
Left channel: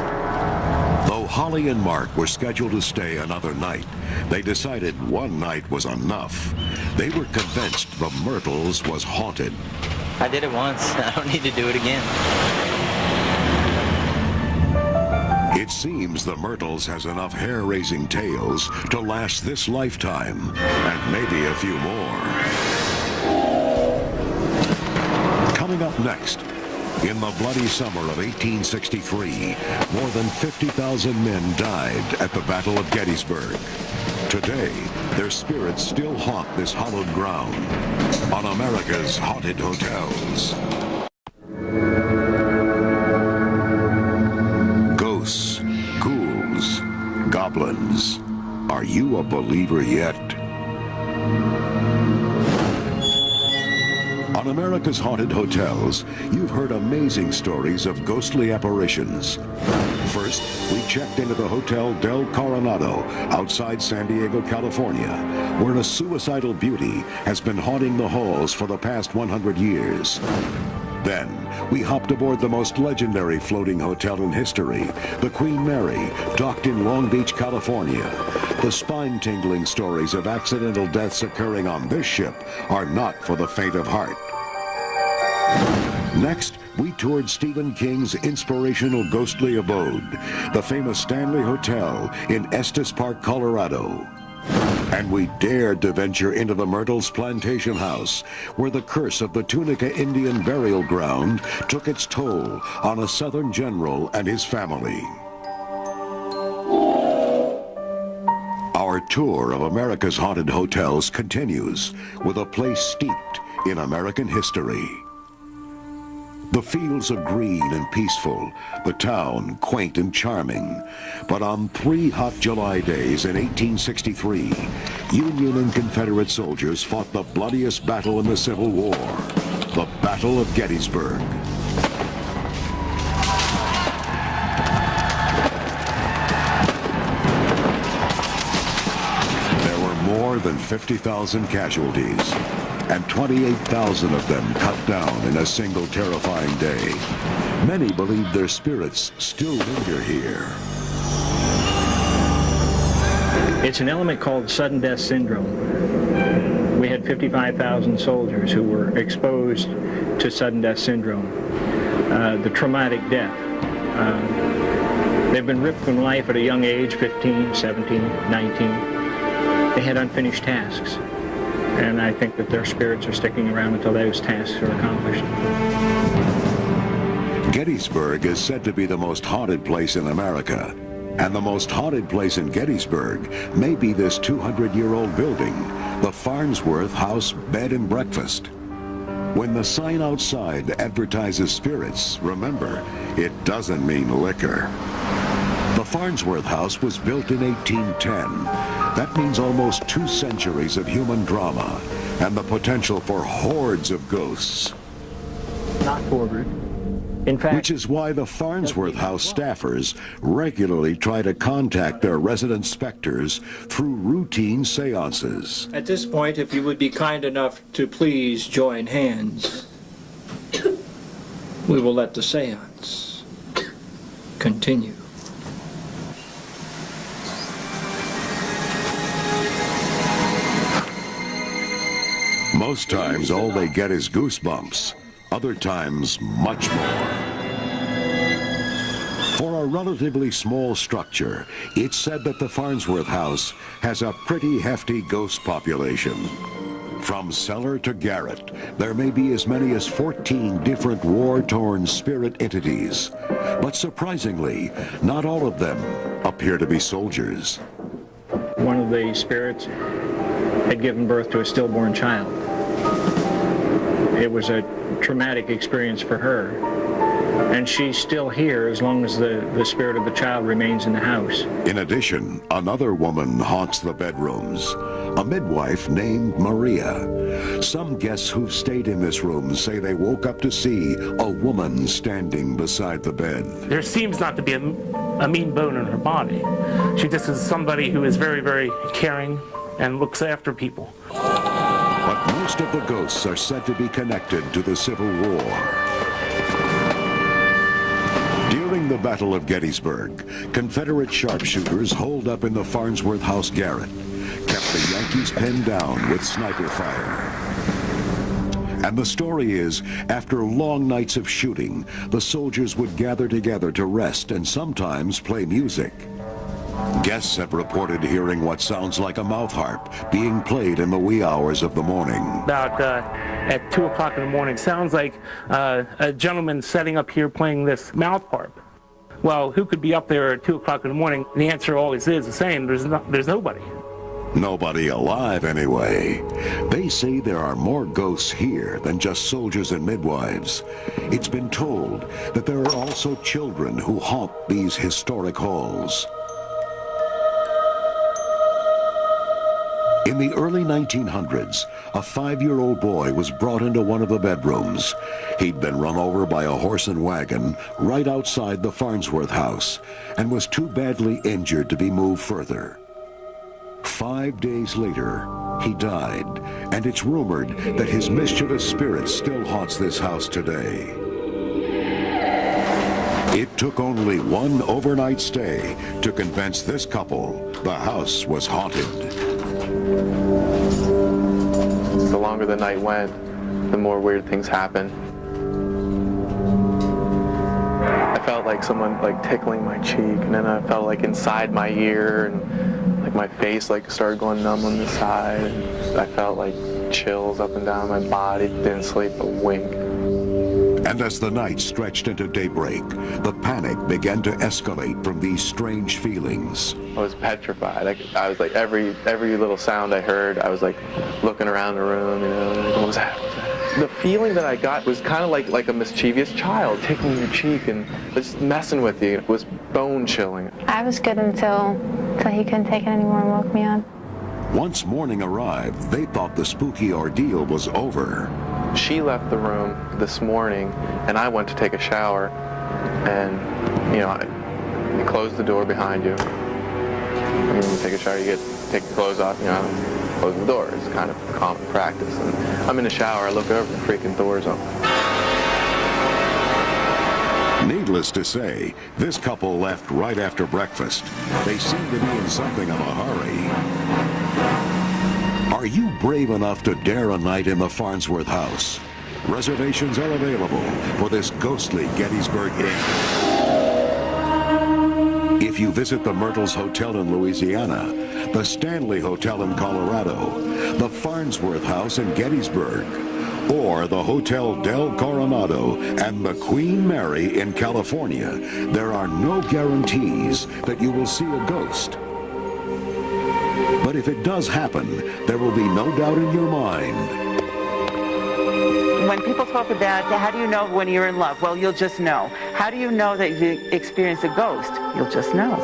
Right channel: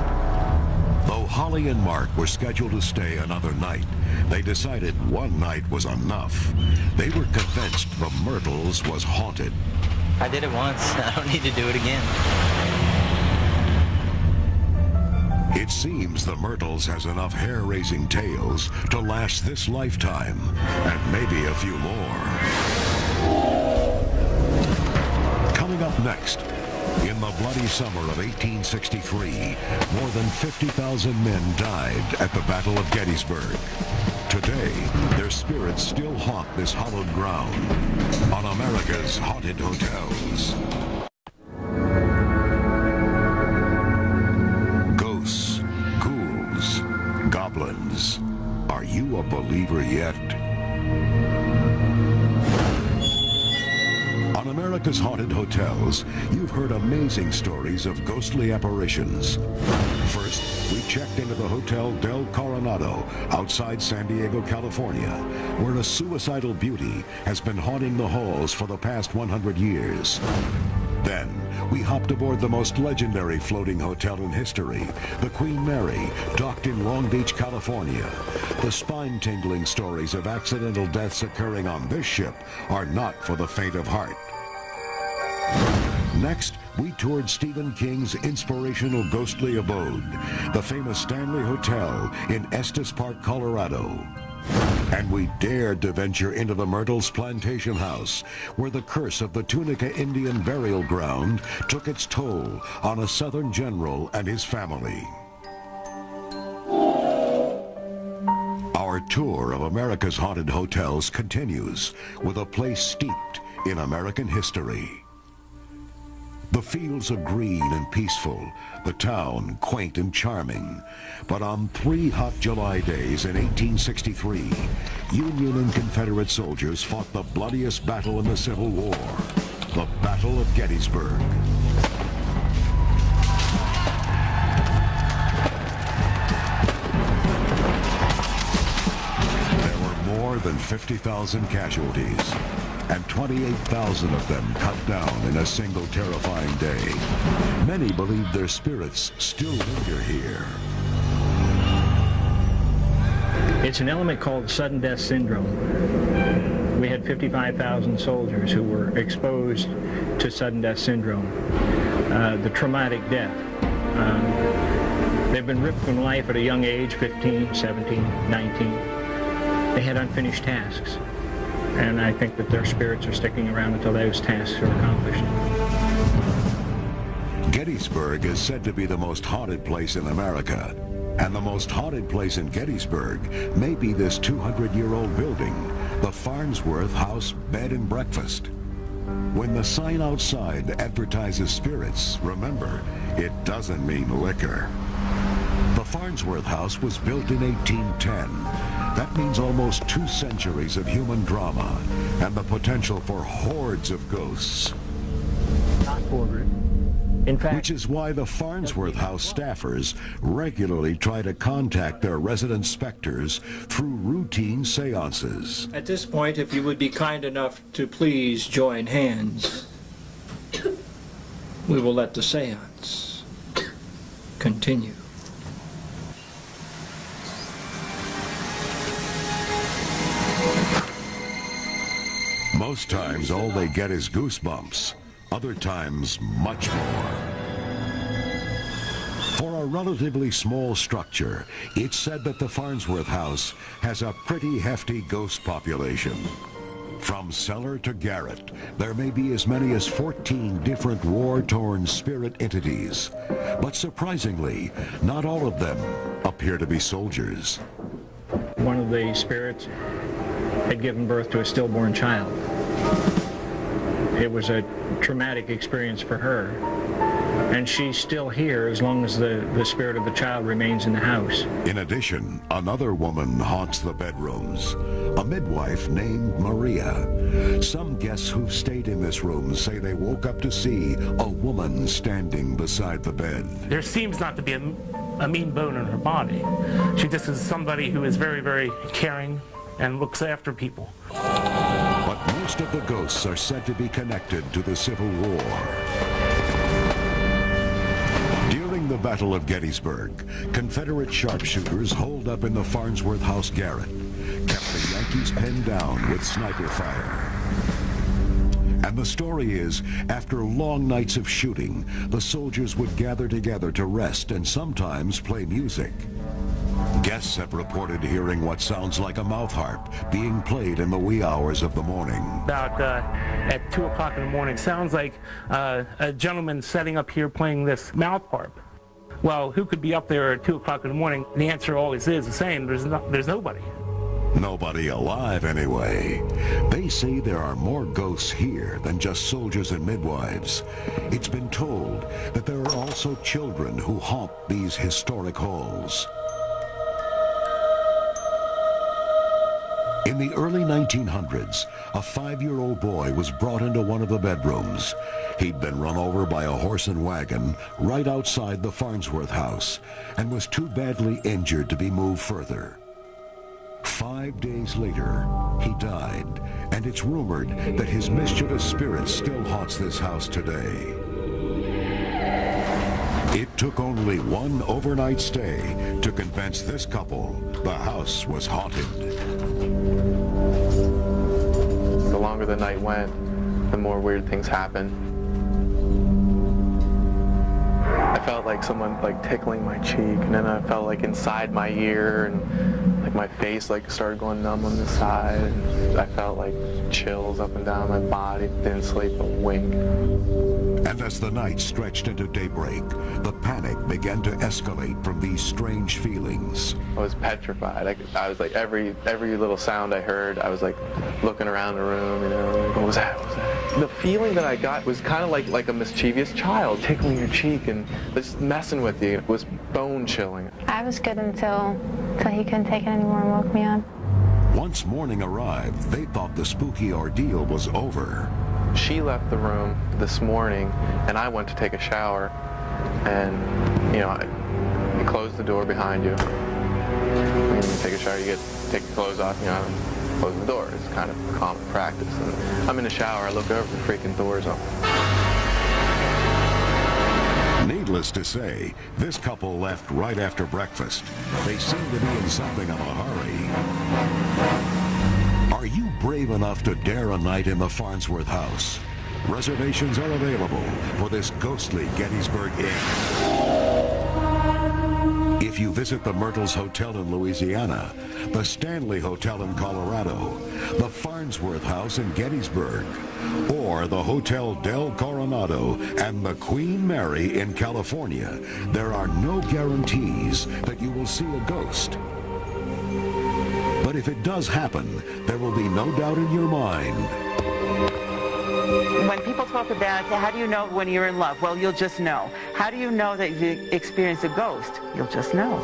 Though Holly and Mark were scheduled to stay another night, they decided one night was enough. They were convinced the Myrtles was haunted. I did it once. I don't need to do it again. It seems the Myrtles has enough hair-raising tales to last this lifetime, and maybe a few more. Coming up next, in the bloody summer of 1863, more than 50,000 men died at the Battle of Gettysburg. Today, their spirits still haunt this hallowed ground on America's Haunted Hotels. Ghosts, ghouls, goblins. Are you a believer yet? On America's Haunted Hotels, you've heard amazing stories of ghostly apparitions. First, we checked into the Hotel Del Coronado outside San Diego, California, where a suicidal beauty has been haunting the halls for the past 100 years. Then, we hopped aboard the most legendary floating hotel in history, the Queen Mary, docked in Long Beach, California. The spine-tingling stories of accidental deaths occurring on this ship are not for the faint of heart. Next, we toured Stephen King's inspirational ghostly abode, the famous Stanley Hotel in Estes Park, Colorado. And we dared to venture into the Myrtles Plantation House, where the curse of the Tunica Indian burial ground took its toll on a Southern general and his family. Our tour of America's haunted hotels continues with a place steeped in American history. The fields are green and peaceful, the town quaint and charming. But on 3 hot July days in 1863, Union and Confederate soldiers fought the bloodiest battle in the Civil War, the Battle of Gettysburg. There were more than 50,000 casualties, and 28,000 of them cut down in a single terrifying day. Many believe their spirits still linger here. It's an element called sudden death syndrome. We had 55,000 soldiers who were exposed to sudden death syndrome, the traumatic death. They've been ripped from life at a young age, 15, 17, 19. They had unfinished tasks. And I think that their spirits are sticking around until those tasks are accomplished. Gettysburg is said to be the most haunted place in America. And the most haunted place in Gettysburg may be this 200-year-old building, the Farnsworth House Bed and Breakfast. When the sign outside advertises spirits, remember, it doesn't mean liquor. The Farnsworth House was built in 1810. That means almost 2 centuries of human drama and the potential for hordes of ghosts. Not forward. In fact, which is why the Farnsworth House staffers regularly try to contact their resident specters through routine seances. At this point, if you would be kind enough to please join hands, we will let the seance continue. Most times, all they get is goosebumps. Other times, much more. For a relatively small structure, it's said that the Farnsworth House has a pretty hefty ghost population. From cellar to garret, there may be as many as 14 different war-torn spirit entities. But surprisingly, not all of them appear to be soldiers. One of the spirits had given birth to a stillborn child. It was a traumatic experience for her, and she's still here as long as the spirit of the child remains in the house. In addition, another woman haunts the bedrooms, a midwife named Maria. Some guests who've stayed in this room say they woke up to see a woman standing beside the bed. There seems not to be a mean bone in her body. She just is somebody who is very, very caring and looks after people. But most of the ghosts are said to be connected to the Civil War. During the Battle of Gettysburg, Confederate sharpshooters holed up in the Farnsworth House garret, kept the Yankees pinned down with sniper fire. And the story is, after long nights of shooting, the soldiers would gather together to rest and sometimes play music. Guests have reported hearing what sounds like a mouth harp being played in the wee hours of the morning. About at 2 o'clock in the morning, sounds like a gentleman setting up here playing this mouth harp. Well, who could be up there at 2 o'clock in the morning? And the answer always is the same, there's nobody. Nobody alive, anyway. They say there are more ghosts here than just soldiers and midwives. It's been told that there are also children who haunt these historic halls. In the early 1900s, a 5-year-old boy was brought into one of the bedrooms. He'd been run over by a horse and wagon right outside the Farnsworth house and was too badly injured to be moved further. 5 days later, He died, and it's rumored that his mischievous spirit still haunts this house today. It took only one overnight stay to convince this couple the house was haunted. The longer the night went, the more weird things happened. I felt like someone tickling my cheek, and then I felt like inside my ear, and like my face started going numb on the side. And I felt like chills up and down my body. Didn't sleep a wink. And as the night stretched into daybreak, the panic began to escalate from these strange feelings. I was petrified. I was like, every little sound I heard, I was like looking around the room, you know, like, what was that? What was that? The feeling that I got was kind of like a mischievous child tickling your cheek and just messing with you. It was bone chilling. I was good until he couldn't take it anymore and woke me up. Once morning arrived, they thought the spooky ordeal was over. She left the room this morning, and I went to take a shower, and, you know, you close the door behind you. When you take a shower, you take your clothes off, you know, close the door. It's kind of common practice. And I'm in the shower, I look over, the freaking door's open. Needless to say, this couple left right after breakfast. They seemed to be in something of a hurry. Are you brave enough to dare a night in the Farnsworth house? Reservations are available for this ghostly Gettysburg Inn. If you visit the Myrtles Hotel in Louisiana, the Stanley Hotel in Colorado, the Farnsworth House in Gettysburg, or the Hotel Del Coronado and the Queen Mary in California, there are no guarantees that you will see a ghost. But if it does happen, there will be no doubt in your mind. When people talk about how do you know when you're in love? Well, you'll just know. How do you know that you experienced a ghost? You'll just know.